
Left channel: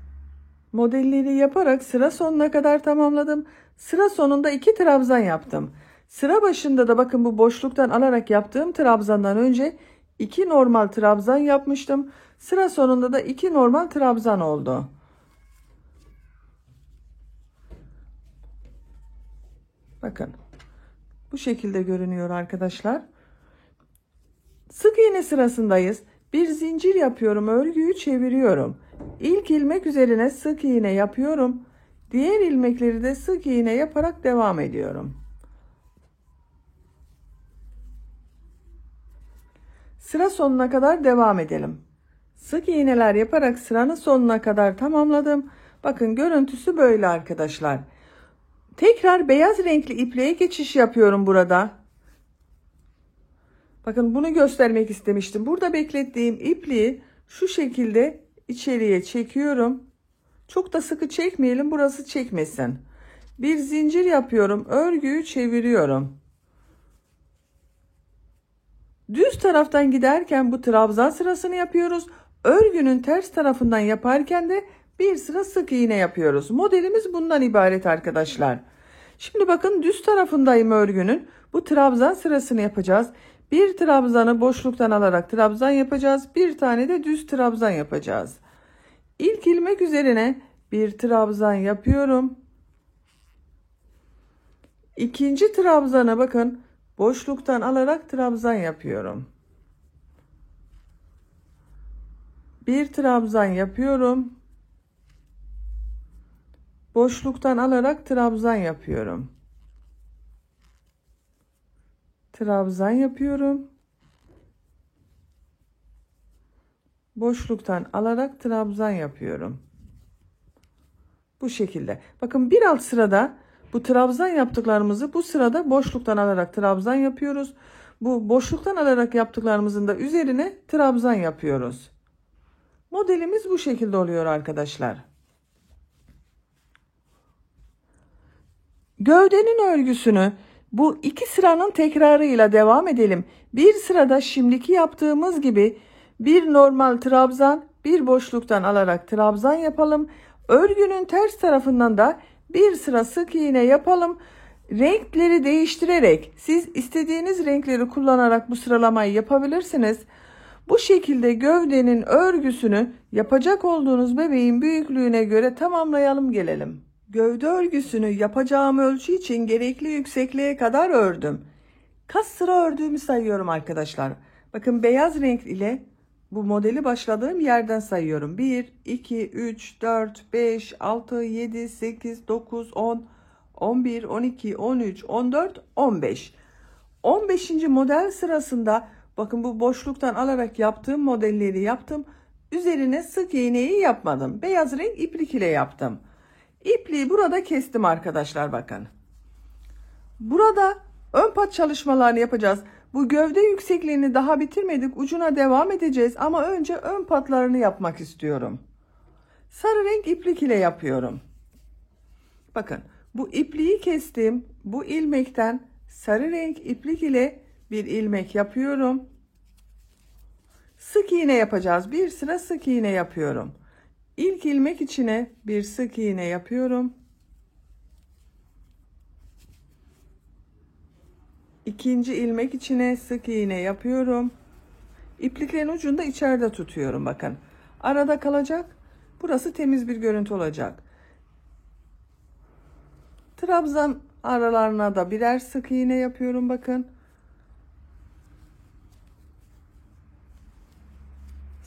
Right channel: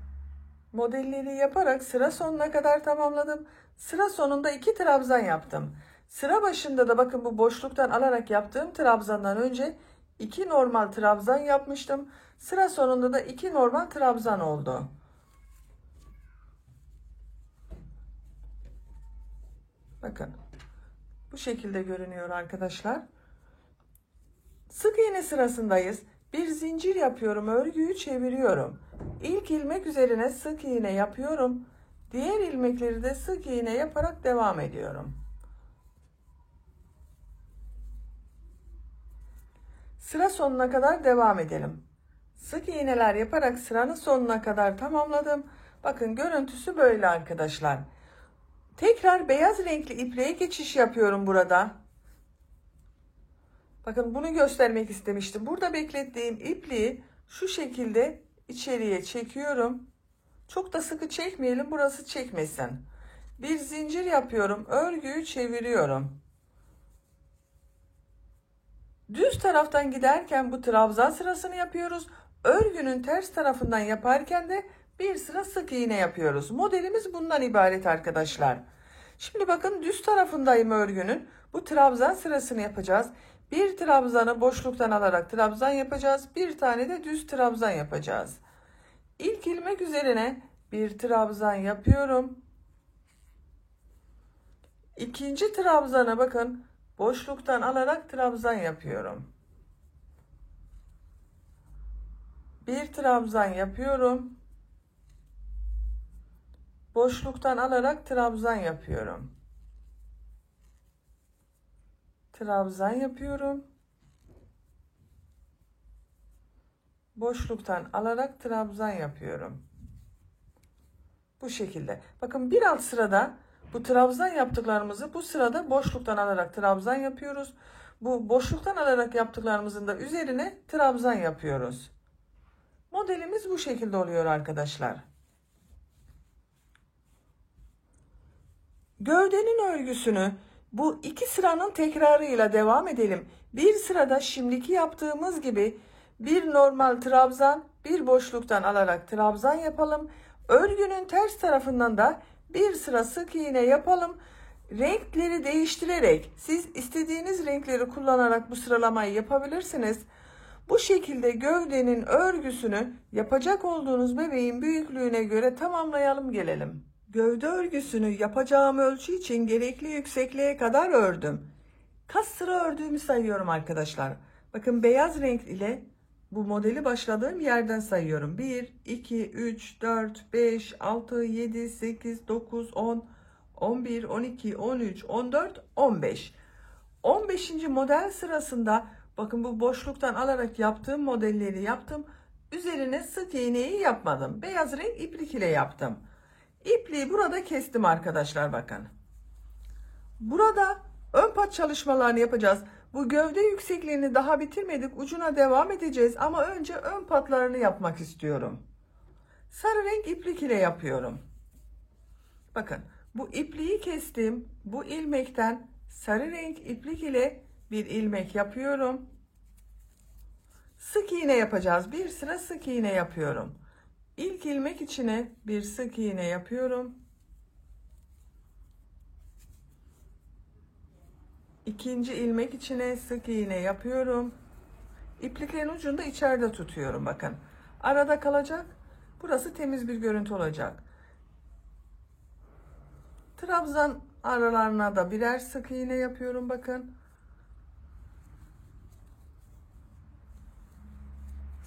Modelleri yaparak sıra sonuna kadar tamamladım. Sıra sonunda 2 trabzan yaptım. Sıra başında da bakın bu boşluktan alarak yaptığım trabzandan önce 2 normal trabzan yapmıştım. Sıra sonunda da 2 normal trabzan oldu. Bakın. Bu şekilde görünüyor arkadaşlar. Sık iğne sırasındayız. Bir zincir yapıyorum, örgüyü çeviriyorum. İlk ilmek üzerine sık iğne yapıyorum. Diğer ilmekleri de sık iğne yaparak devam ediyorum. Sıra sonuna kadar devam edelim. Sık iğneler yaparak sıranın sonuna kadar tamamladım. Bakın görüntüsü böyle arkadaşlar. Tekrar beyaz renkli ipliğe geçiş yapıyorum burada. Bakın bunu göstermek istemiştim. Burada beklettiğim ipliği şu şekilde içeriye çekiyorum. Çok da sıkı çekmeyelim, burası çekmesin. Bir zincir yapıyorum, örgüyü çeviriyorum. Düz taraftan giderken bu trabzan sırasını yapıyoruz. Örgünün ters tarafından yaparken de bir sıra sık iğne yapıyoruz. Modelimiz bundan ibaret arkadaşlar. Şimdi bakın düz tarafındayım örgünün. Bu trabzan sırasını yapacağız. Bir trabzanı boşluktan alarak trabzan yapacağız. Bir tane de düz trabzan yapacağız. İlk ilmek üzerine bir trabzan yapıyorum. İkinci trabzana bakın boşluktan alarak trabzan yapıyorum. Bir trabzan yapıyorum. Boşluktan alarak trabzan yapıyorum. Trabzan yapıyorum. Boşluktan alarak trabzan yapıyorum. Bu şekilde. Bakın bir alt sırada bu trabzan yaptıklarımızı bu sırada boşluktan alarak trabzan yapıyoruz. Bu boşluktan alarak yaptıklarımızın da üzerine trabzan yapıyoruz. Modelimiz bu şekilde oluyor arkadaşlar. Gövdenin örgüsünü bu 2 sıranın tekrarıyla devam edelim. Bir sırada şimdiki yaptığımız gibi bir normal trabzan, bir boşluktan alarak trabzan yapalım. Örgünün ters tarafından da bir sıra sık iğne yapalım. Renkleri değiştirerek siz istediğiniz renkleri kullanarak bu sıralamayı yapabilirsiniz. Bu şekilde gövdenin örgüsünü yapacak olduğunuz bebeğin büyüklüğüne göre tamamlayalım gelelim. Gövde örgüsünü yapacağım ölçü için gerekli yüksekliğe kadar ördüm. Kaç sıra ördüğümü sayıyorum arkadaşlar. Bakın beyaz renk ile bu modeli başladığım yerden sayıyorum. 1, 2, 3, 4, 5, 6, 7, 8, 9, 10, 11, 12, 13, 14, 15. 15. model sırasında bakın bu boşluktan alarak yaptığım modelleri yaptım. Üzerine sık iğneyi yapmadım. Beyaz renk iplik ile yaptım. İpliği burada kestim arkadaşlar bakın. Burada ön pat çalışmalarını yapacağız. Bu gövde yüksekliğini daha bitirmedik. Ucuna devam edeceğiz ama önce ön patlarını yapmak istiyorum. Sarı renk iplik ile yapıyorum. Bakın bu ipliği kestim. Bu ilmekten sarı renk iplik ile bir ilmek yapıyorum. Sık iğne yapacağız. Bir sıra sık iğne yapıyorum. İlk ilmek içine bir sık iğne yapıyorum. İkinci ilmek içine sık iğne yapıyorum. İpliklerin ucunu da içeride tutuyorum bakın. Arada kalacak. Burası temiz bir görüntü olacak. Trabzan aralarına da birer sık iğne yapıyorum bakın.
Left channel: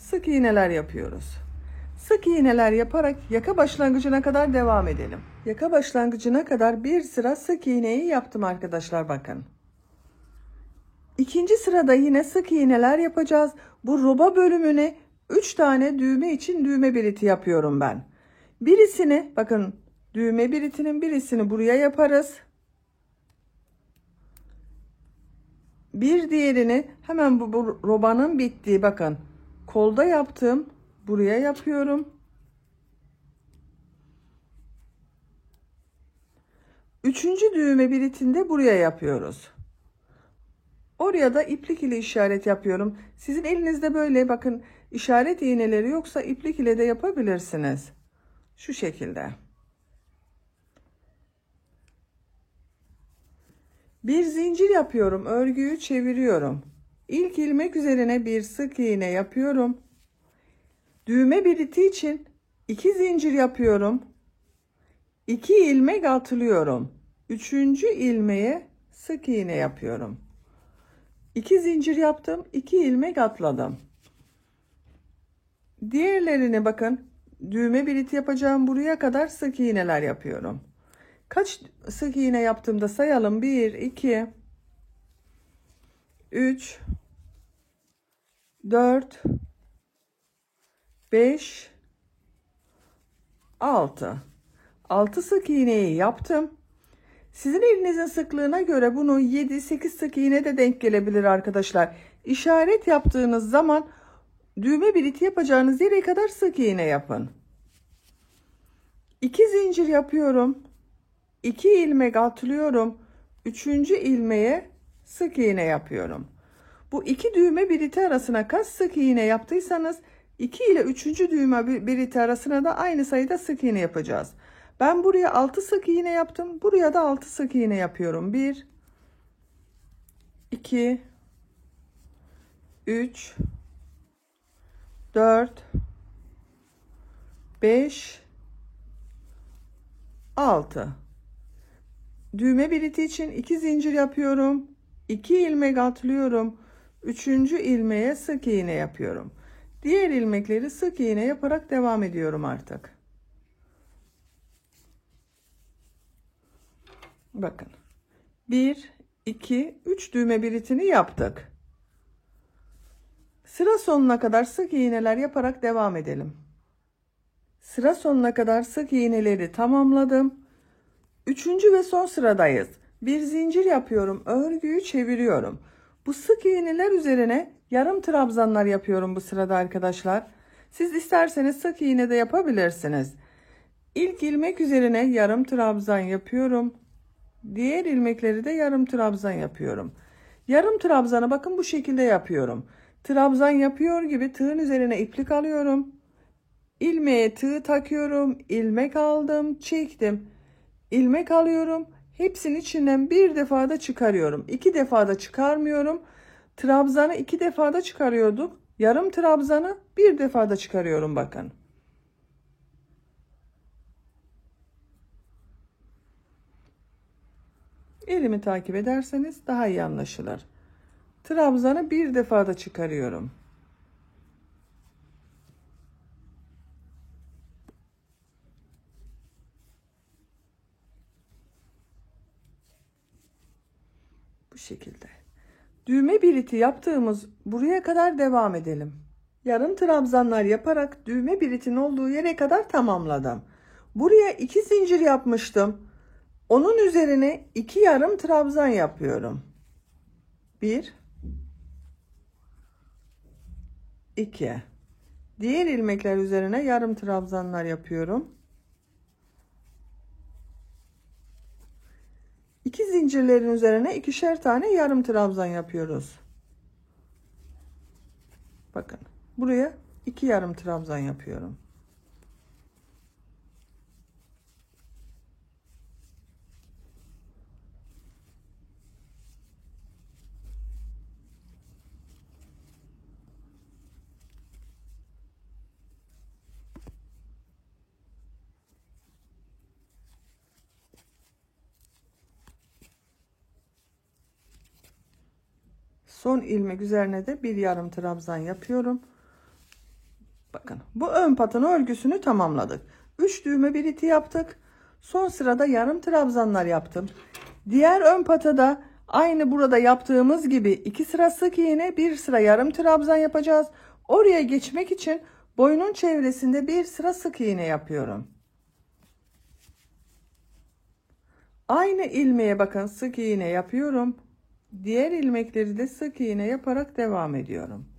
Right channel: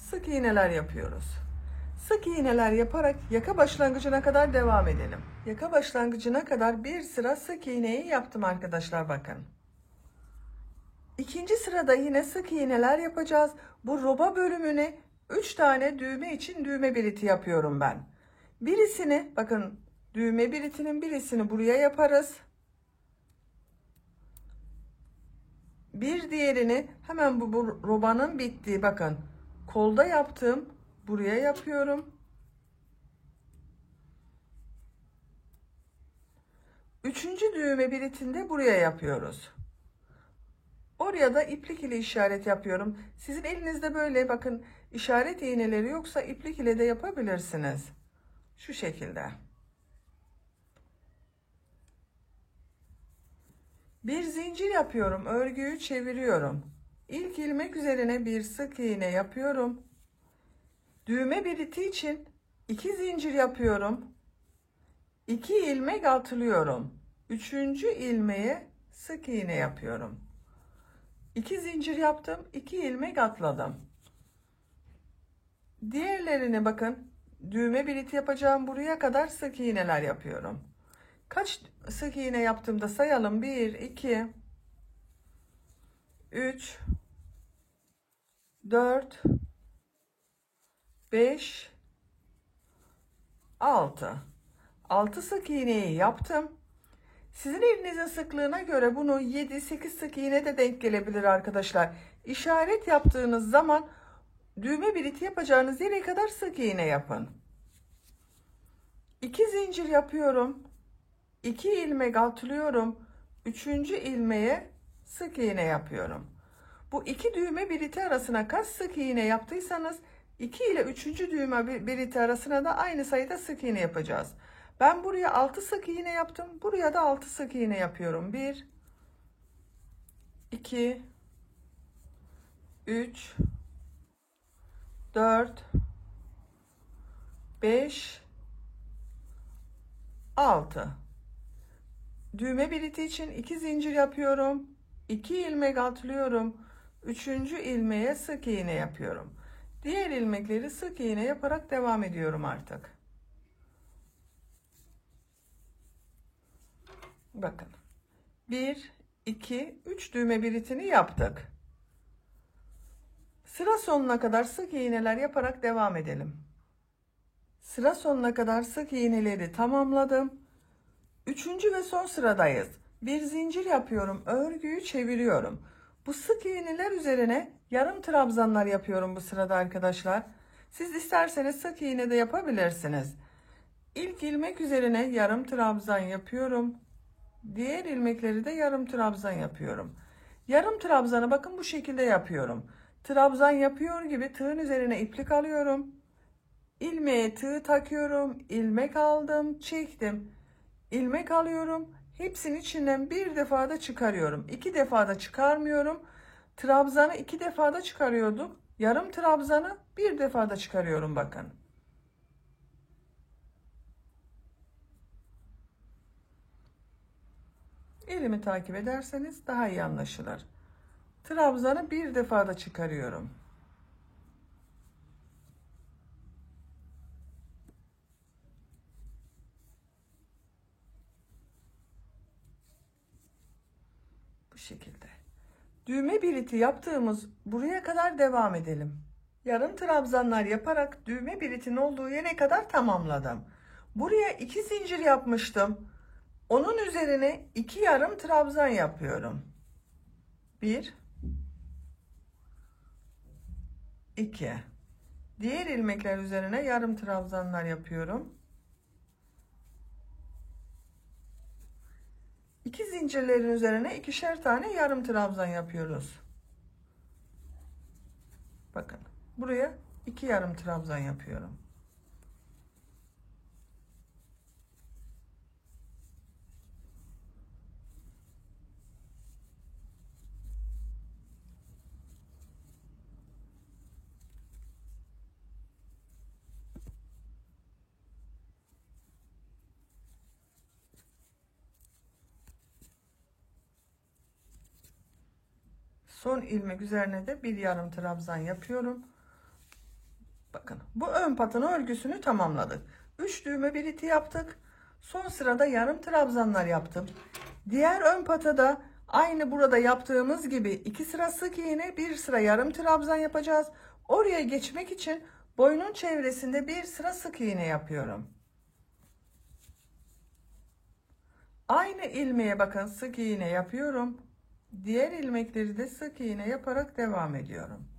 sık iğneler yapıyoruz. Sık iğneler yaparak yaka başlangıcına kadar devam edelim. Yaka başlangıcına kadar bir sıra sık iğneyi yaptım arkadaşlar, bakın. İkinci sırada yine sık iğneler yapacağız. Bu roba bölümüne 3 tane düğme için düğme biliti yapıyorum ben. Birisini, bakın, düğme bilitinin birisini buraya yaparız. Bir diğerini hemen bu robanın bittiği, bakın, kolda yaptığım buraya yapıyorum. Üçüncü düğme bilitinde buraya yapıyoruz. Oraya da iplik ile işaret yapıyorum. Sizin elinizde böyle, bakın, işaret iğneleri yoksa iplik ile de yapabilirsiniz. Şu şekilde. Bir zincir yapıyorum. Örgüyü çeviriyorum. İlk ilmek üzerine bir sık iğne yapıyorum. Düğme biliti için 2 zincir yapıyorum. 2 ilmek atlıyorum. 3. ilmeğe sık iğne yapıyorum. 2 zincir yaptım, 2 ilmek atladım. Diğerlerine bakın, düğme biliti yapacağım buraya kadar sık iğneler yapıyorum. Kaç sık iğne yaptığımda sayalım. 1, 2, 3, 4, 5, 6. 6 sık iğneyi yaptım. Sizin elinizin sıklığına göre bunu 7-8 sık iğne de denk gelebilir arkadaşlar. İşaret yaptığınız zaman düğme biliti yapacağınız yere kadar sık iğne yapın. 2 zincir yapıyorum. 2 ilmek atlıyorum. 3. ilmeğe sık iğne yapıyorum. Bu iki düğme biliti arasına kaç sık iğne yaptıysanız 2 ile 3. düğme biliti arasına da aynı sayıda sık iğne yapacağız. Ben buraya 6 sık iğne yaptım. Buraya da 6 sık iğne yapıyorum. 1, 2, 3, 4, 5, 6. Düğme biliti için 2 zincir yapıyorum. 2 ilmek atlıyorum. 3. ilmeğe sık iğne yapıyorum. Diğer ilmekleri sık iğne yaparak devam ediyorum artık. Bakın. 1, 2, 3 düğme bilitini yaptık. Sıra sonuna kadar sık iğneler yaparak devam edelim. Sıra sonuna kadar sık iğneleri tamamladım. 3. ve son sıradayız. Bir zincir yapıyorum. Örgüyü çeviriyorum. Bu sık iğneler üzerine yarım trabzanlar yapıyorum bu sırada arkadaşlar. Siz isterseniz sık iğne de yapabilirsiniz. İlk ilmek üzerine yarım trabzan yapıyorum. Diğer ilmekleri de yarım trabzan yapıyorum. Yarım trabzanı bakın bu şekilde yapıyorum. Trabzan yapıyor gibi tığın üzerine iplik alıyorum. İlmeğe tığ takıyorum. İlmek aldım, çektim. İlmek alıyorum. Hepsinin içinden bir defa da çıkarıyorum. 2 defa da çıkarmıyorum. Trabzanı 2 defa da çıkarıyorduk. Yarım trabzanı bir defa da çıkarıyorum, bakın. Elimi takip ederseniz daha iyi anlaşılır. Trabzanı bir defa da çıkarıyorum. Bu şekilde. Düğme biliti yaptığımız buraya kadar devam edelim. Yarım trabzanlar yaparak düğme bilitin olduğu yere kadar tamamladım. Buraya 2 zincir yapmıştım. Onun üzerine 2 yarım trabzan yapıyorum. 1, 2. Diğer ilmekler üzerine yarım trabzanlar yapıyorum. 2 zincirlerin üzerine ikişer tane yarım trabzan yapıyoruz. Bakın, buraya 2 yarım trabzan yapıyorum. Son ilmek üzerine de bir yarım trabzan yapıyorum. Bakın bu ön patın örgüsünü tamamladık. 3 düğme biliti yaptık. Son sırada yarım trabzanlar yaptım. Diğer ön patı da aynı burada yaptığımız gibi 2 sıra sık iğne, 1 sıra yarım trabzan yapacağız. Oraya geçmek için boynun çevresinde 1 sıra sık iğne yapıyorum. Aynı ilmeğe bakın sık iğne yapıyorum. Diğer ilmekleri de sık iğne yaparak devam ediyorum.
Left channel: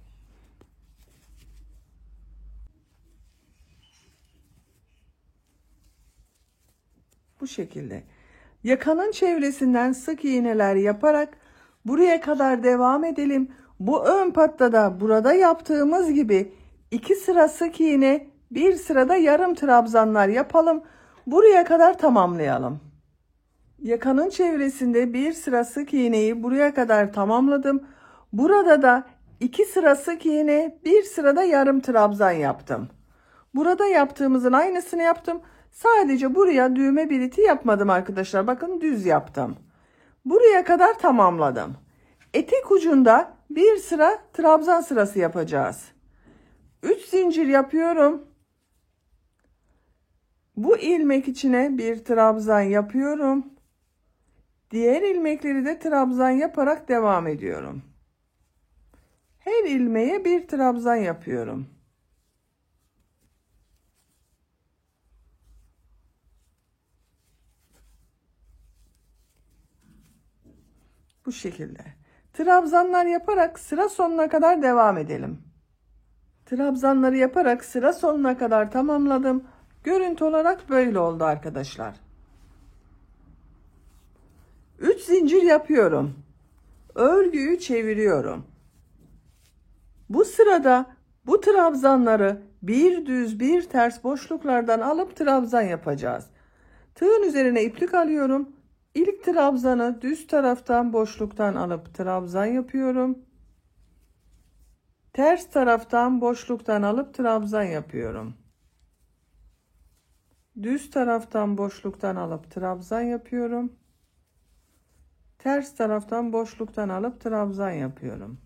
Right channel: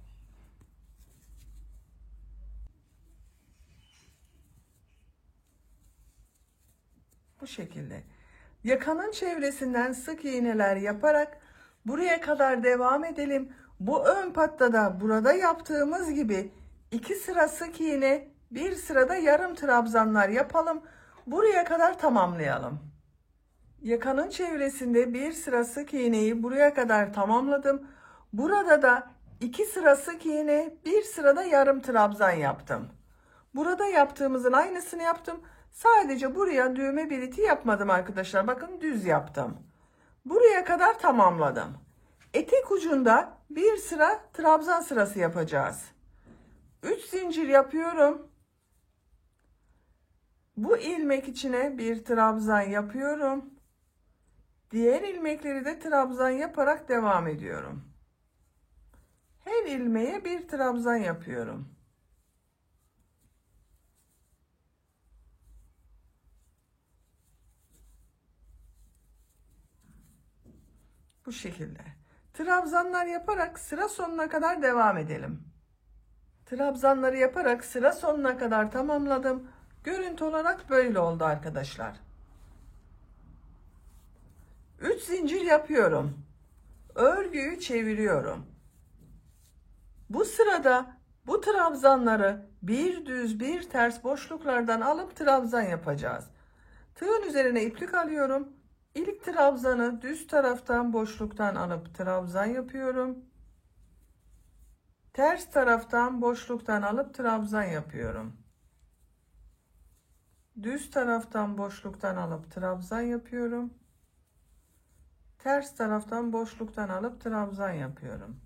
Bu şekilde. Yakanın çevresinden sık iğneler yaparak buraya kadar devam edelim. Bu ön patta da burada yaptığımız gibi 2 sıra sık iğne, 1 sırada yarım trabzanlar yapalım. Buraya kadar tamamlayalım. Yakanın çevresinde 1 sıra sık iğneyi buraya kadar tamamladım. Burada da 2 sıra sık iğne, 1 sırada yarım trabzan yaptım. Burada yaptığımızın aynısını yaptım. Sadece buraya düğme biliti yapmadım arkadaşlar. Bakın düz yaptım. Buraya kadar tamamladım. Etek ucunda 1 sıra trabzan sırası yapacağız. 3 zincir yapıyorum. Bu ilmek içine bir trabzan yapıyorum. Diğer ilmekleri de trabzan yaparak devam ediyorum. Her ilmeğe bir trabzan yapıyorum. Bu şekilde. Trabzanlar yaparak sıra sonuna kadar devam edelim. Trabzanları yaparak sıra sonuna kadar tamamladım. Görüntü olarak böyle oldu arkadaşlar. 3 zincir yapıyorum. Örgüyü çeviriyorum. Bu sırada bu trabzanları bir düz bir ters boşluklardan alıp trabzan yapacağız. Tığın üzerine iplik alıyorum. İlk trabzanı düz taraftan boşluktan alıp trabzan yapıyorum. Ters taraftan boşluktan alıp trabzan yapıyorum. Düz taraftan boşluktan alıp trabzan yapıyorum. Ters taraftan boşluktan alıp trabzan yapıyorum.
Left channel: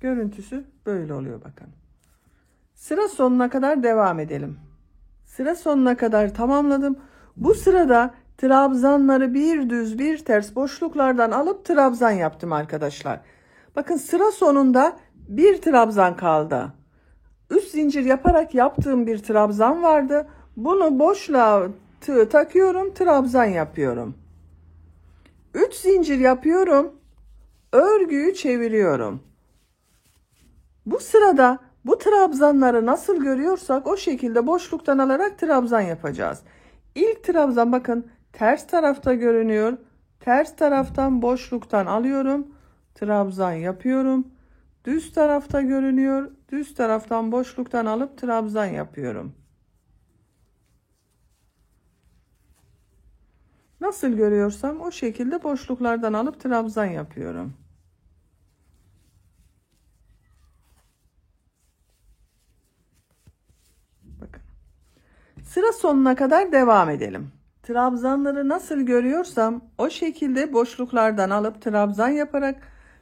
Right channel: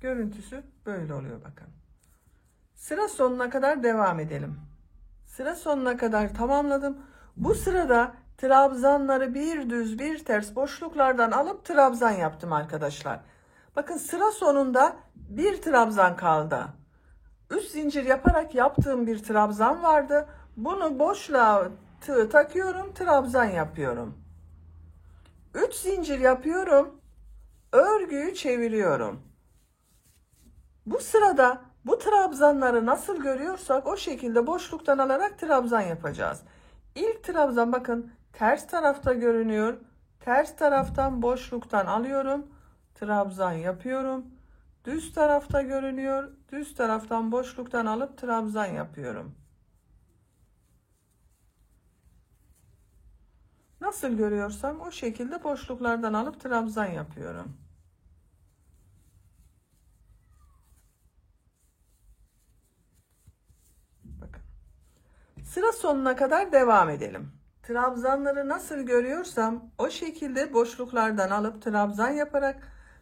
Görüntüsü böyle oluyor bakın. Sıra sonuna kadar devam edelim. Sıra sonuna kadar tamamladım. Bu sırada trabzanları bir düz bir ters boşluklardan alıp trabzan yaptım arkadaşlar. Bakın sıra sonunda bir trabzan kaldı. 3 zincir yaparak yaptığım bir trabzan vardı. Bunu boşluğa tığ takıyorum, trabzan yapıyorum. 3 zincir yapıyorum. Örgüyü çeviriyorum. Bu sırada bu trabzanları nasıl görüyorsak o şekilde boşluktan alarak trabzan yapacağız. İlk trabzan bakın ters tarafta görünüyor. Ters taraftan boşluktan alıyorum. Trabzan yapıyorum. Düz tarafta görünüyor. Düz taraftan boşluktan alıp trabzan yapıyorum. Nasıl görüyorsam o şekilde boşluklardan alıp trabzan yapıyorum. Bakın. Sıra sonuna kadar devam edelim. Trabzanları nasıl görüyorsam o şekilde boşluklardan alıp trabzan yaparak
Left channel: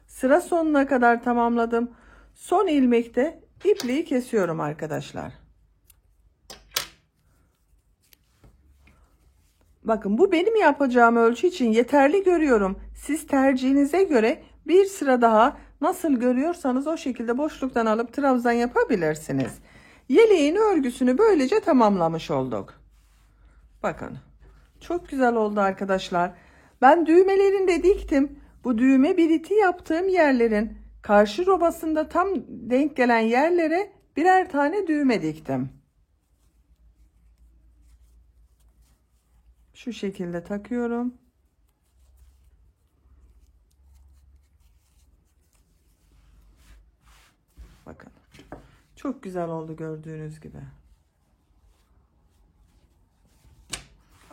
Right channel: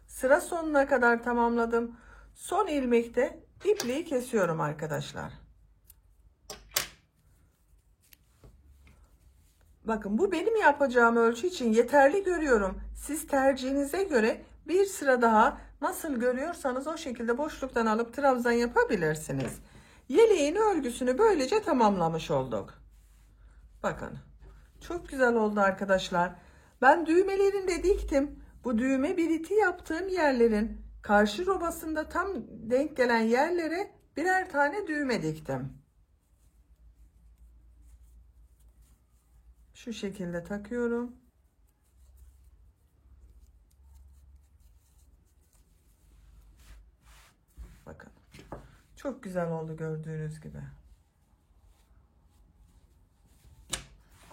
sıra sonuna kadar tamamladım. Son ilmekte ipliği kesiyorum arkadaşlar. Bakın bu benim yapacağım ölçü için yeterli görüyorum. Siz tercihinize göre bir sıra daha nasıl görüyorsanız o şekilde boşluktan alıp trabzan yapabilirsiniz. Yeleğin örgüsünü böylece tamamlamış olduk. Bakın çok güzel oldu arkadaşlar. Ben düğmelerini de diktim. Bu düğme biliti yaptığım yerlerin karşı robasında tam denk gelen yerlere birer tane düğme diktim. Şu şekilde takıyorum. Bakın. Çok güzel oldu gördüğünüz gibi.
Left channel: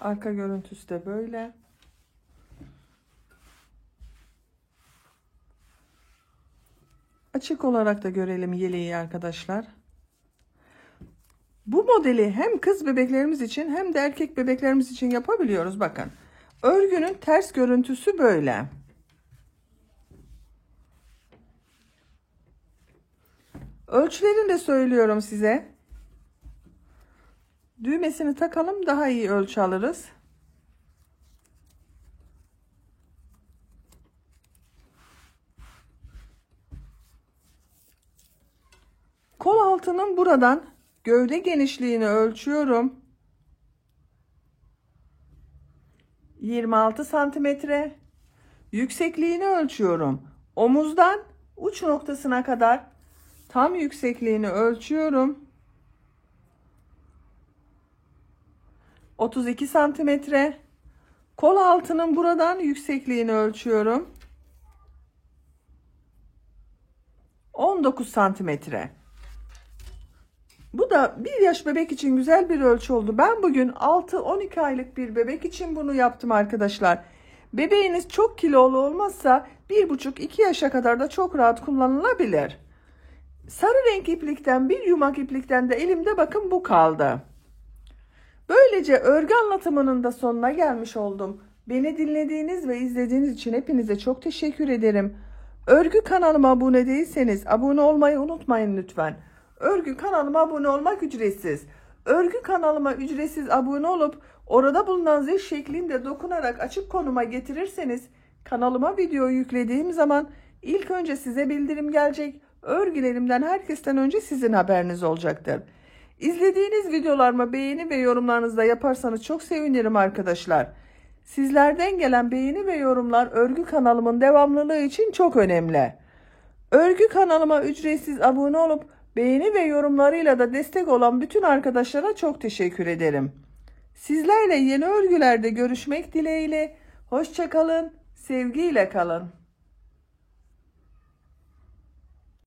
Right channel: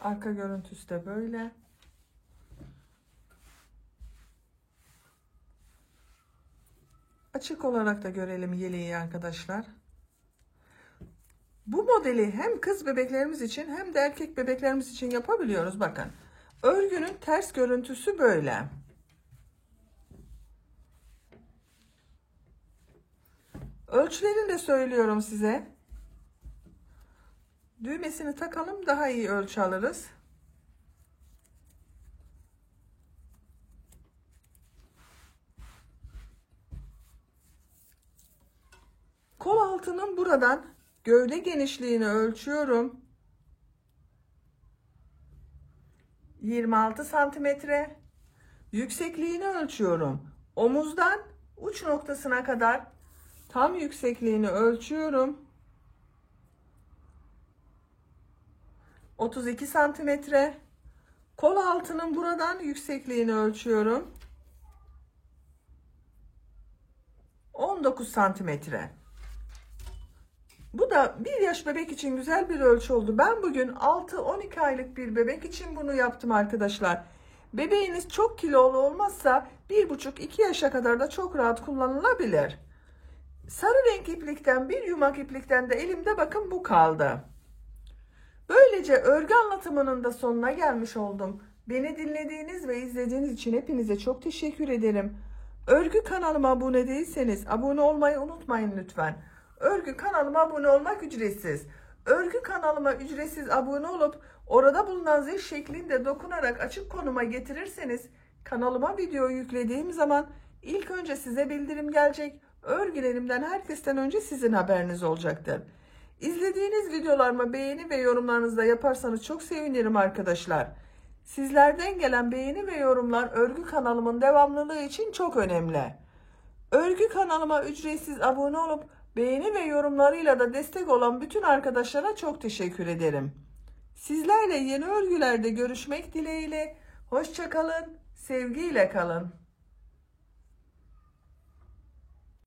Arka görüntüsü de böyle. Açık olarak da görelim yeleği arkadaşlar. Bu modeli hem kız bebeklerimiz için hem de erkek bebeklerimiz için yapabiliyoruz. Bakın. Örgünün ters görüntüsü böyle. Ölçülerini de söylüyorum size. Düğmesini takalım, daha iyi ölçü alırız. Kol altının buradan gövde genişliğini ölçüyorum. 26 santimetre. Yüksekliğini ölçüyorum. Omuzdan uç noktasına kadar tam yüksekliğini ölçüyorum. 32 santimetre. Kol altının buradan yüksekliğini ölçüyorum. 19 santimetre. Bu da 1 yaş bebek için güzel bir ölçü oldu. Ben bugün 6-12 aylık bir bebek için bunu yaptım arkadaşlar. Bebeğiniz çok kilolu olmazsa 1,5-2 yaşa kadar da çok rahat kullanılabilir. Sarı renk iplikten, bir yumak iplikten de elimde bakın bu kaldı. Böylece örgü anlatımının da sonuna gelmiş oldum. Beni dinlediğiniz ve izlediğiniz için hepinize çok teşekkür ederim. Örgü kanalıma abone değilseniz abone olmayı unutmayın lütfen. Örgü kanalıma abone olmak ücretsiz. Örgü kanalıma ücretsiz abone olup orada bulunan zil şeklinde dokunarak açık konuma getirirseniz kanalıma video yüklediğim zaman ilk önce size bildirim gelecek. Örgülerimden herkesten önce sizin haberiniz olacaktır. İzlediğiniz videolarıma beğeni ve yorumlarınızı da yaparsanız çok sevinirim arkadaşlar. Sizlerden gelen beğeni ve yorumlar örgü kanalımın devamlılığı için çok önemli. Örgü kanalıma ücretsiz abone olup beğeni ve yorumlarıyla da destek olan bütün arkadaşlara çok teşekkür ederim. Sizlerle yeni örgülerde görüşmek dileğiyle. Hoşça kalın, sevgiyle kalın.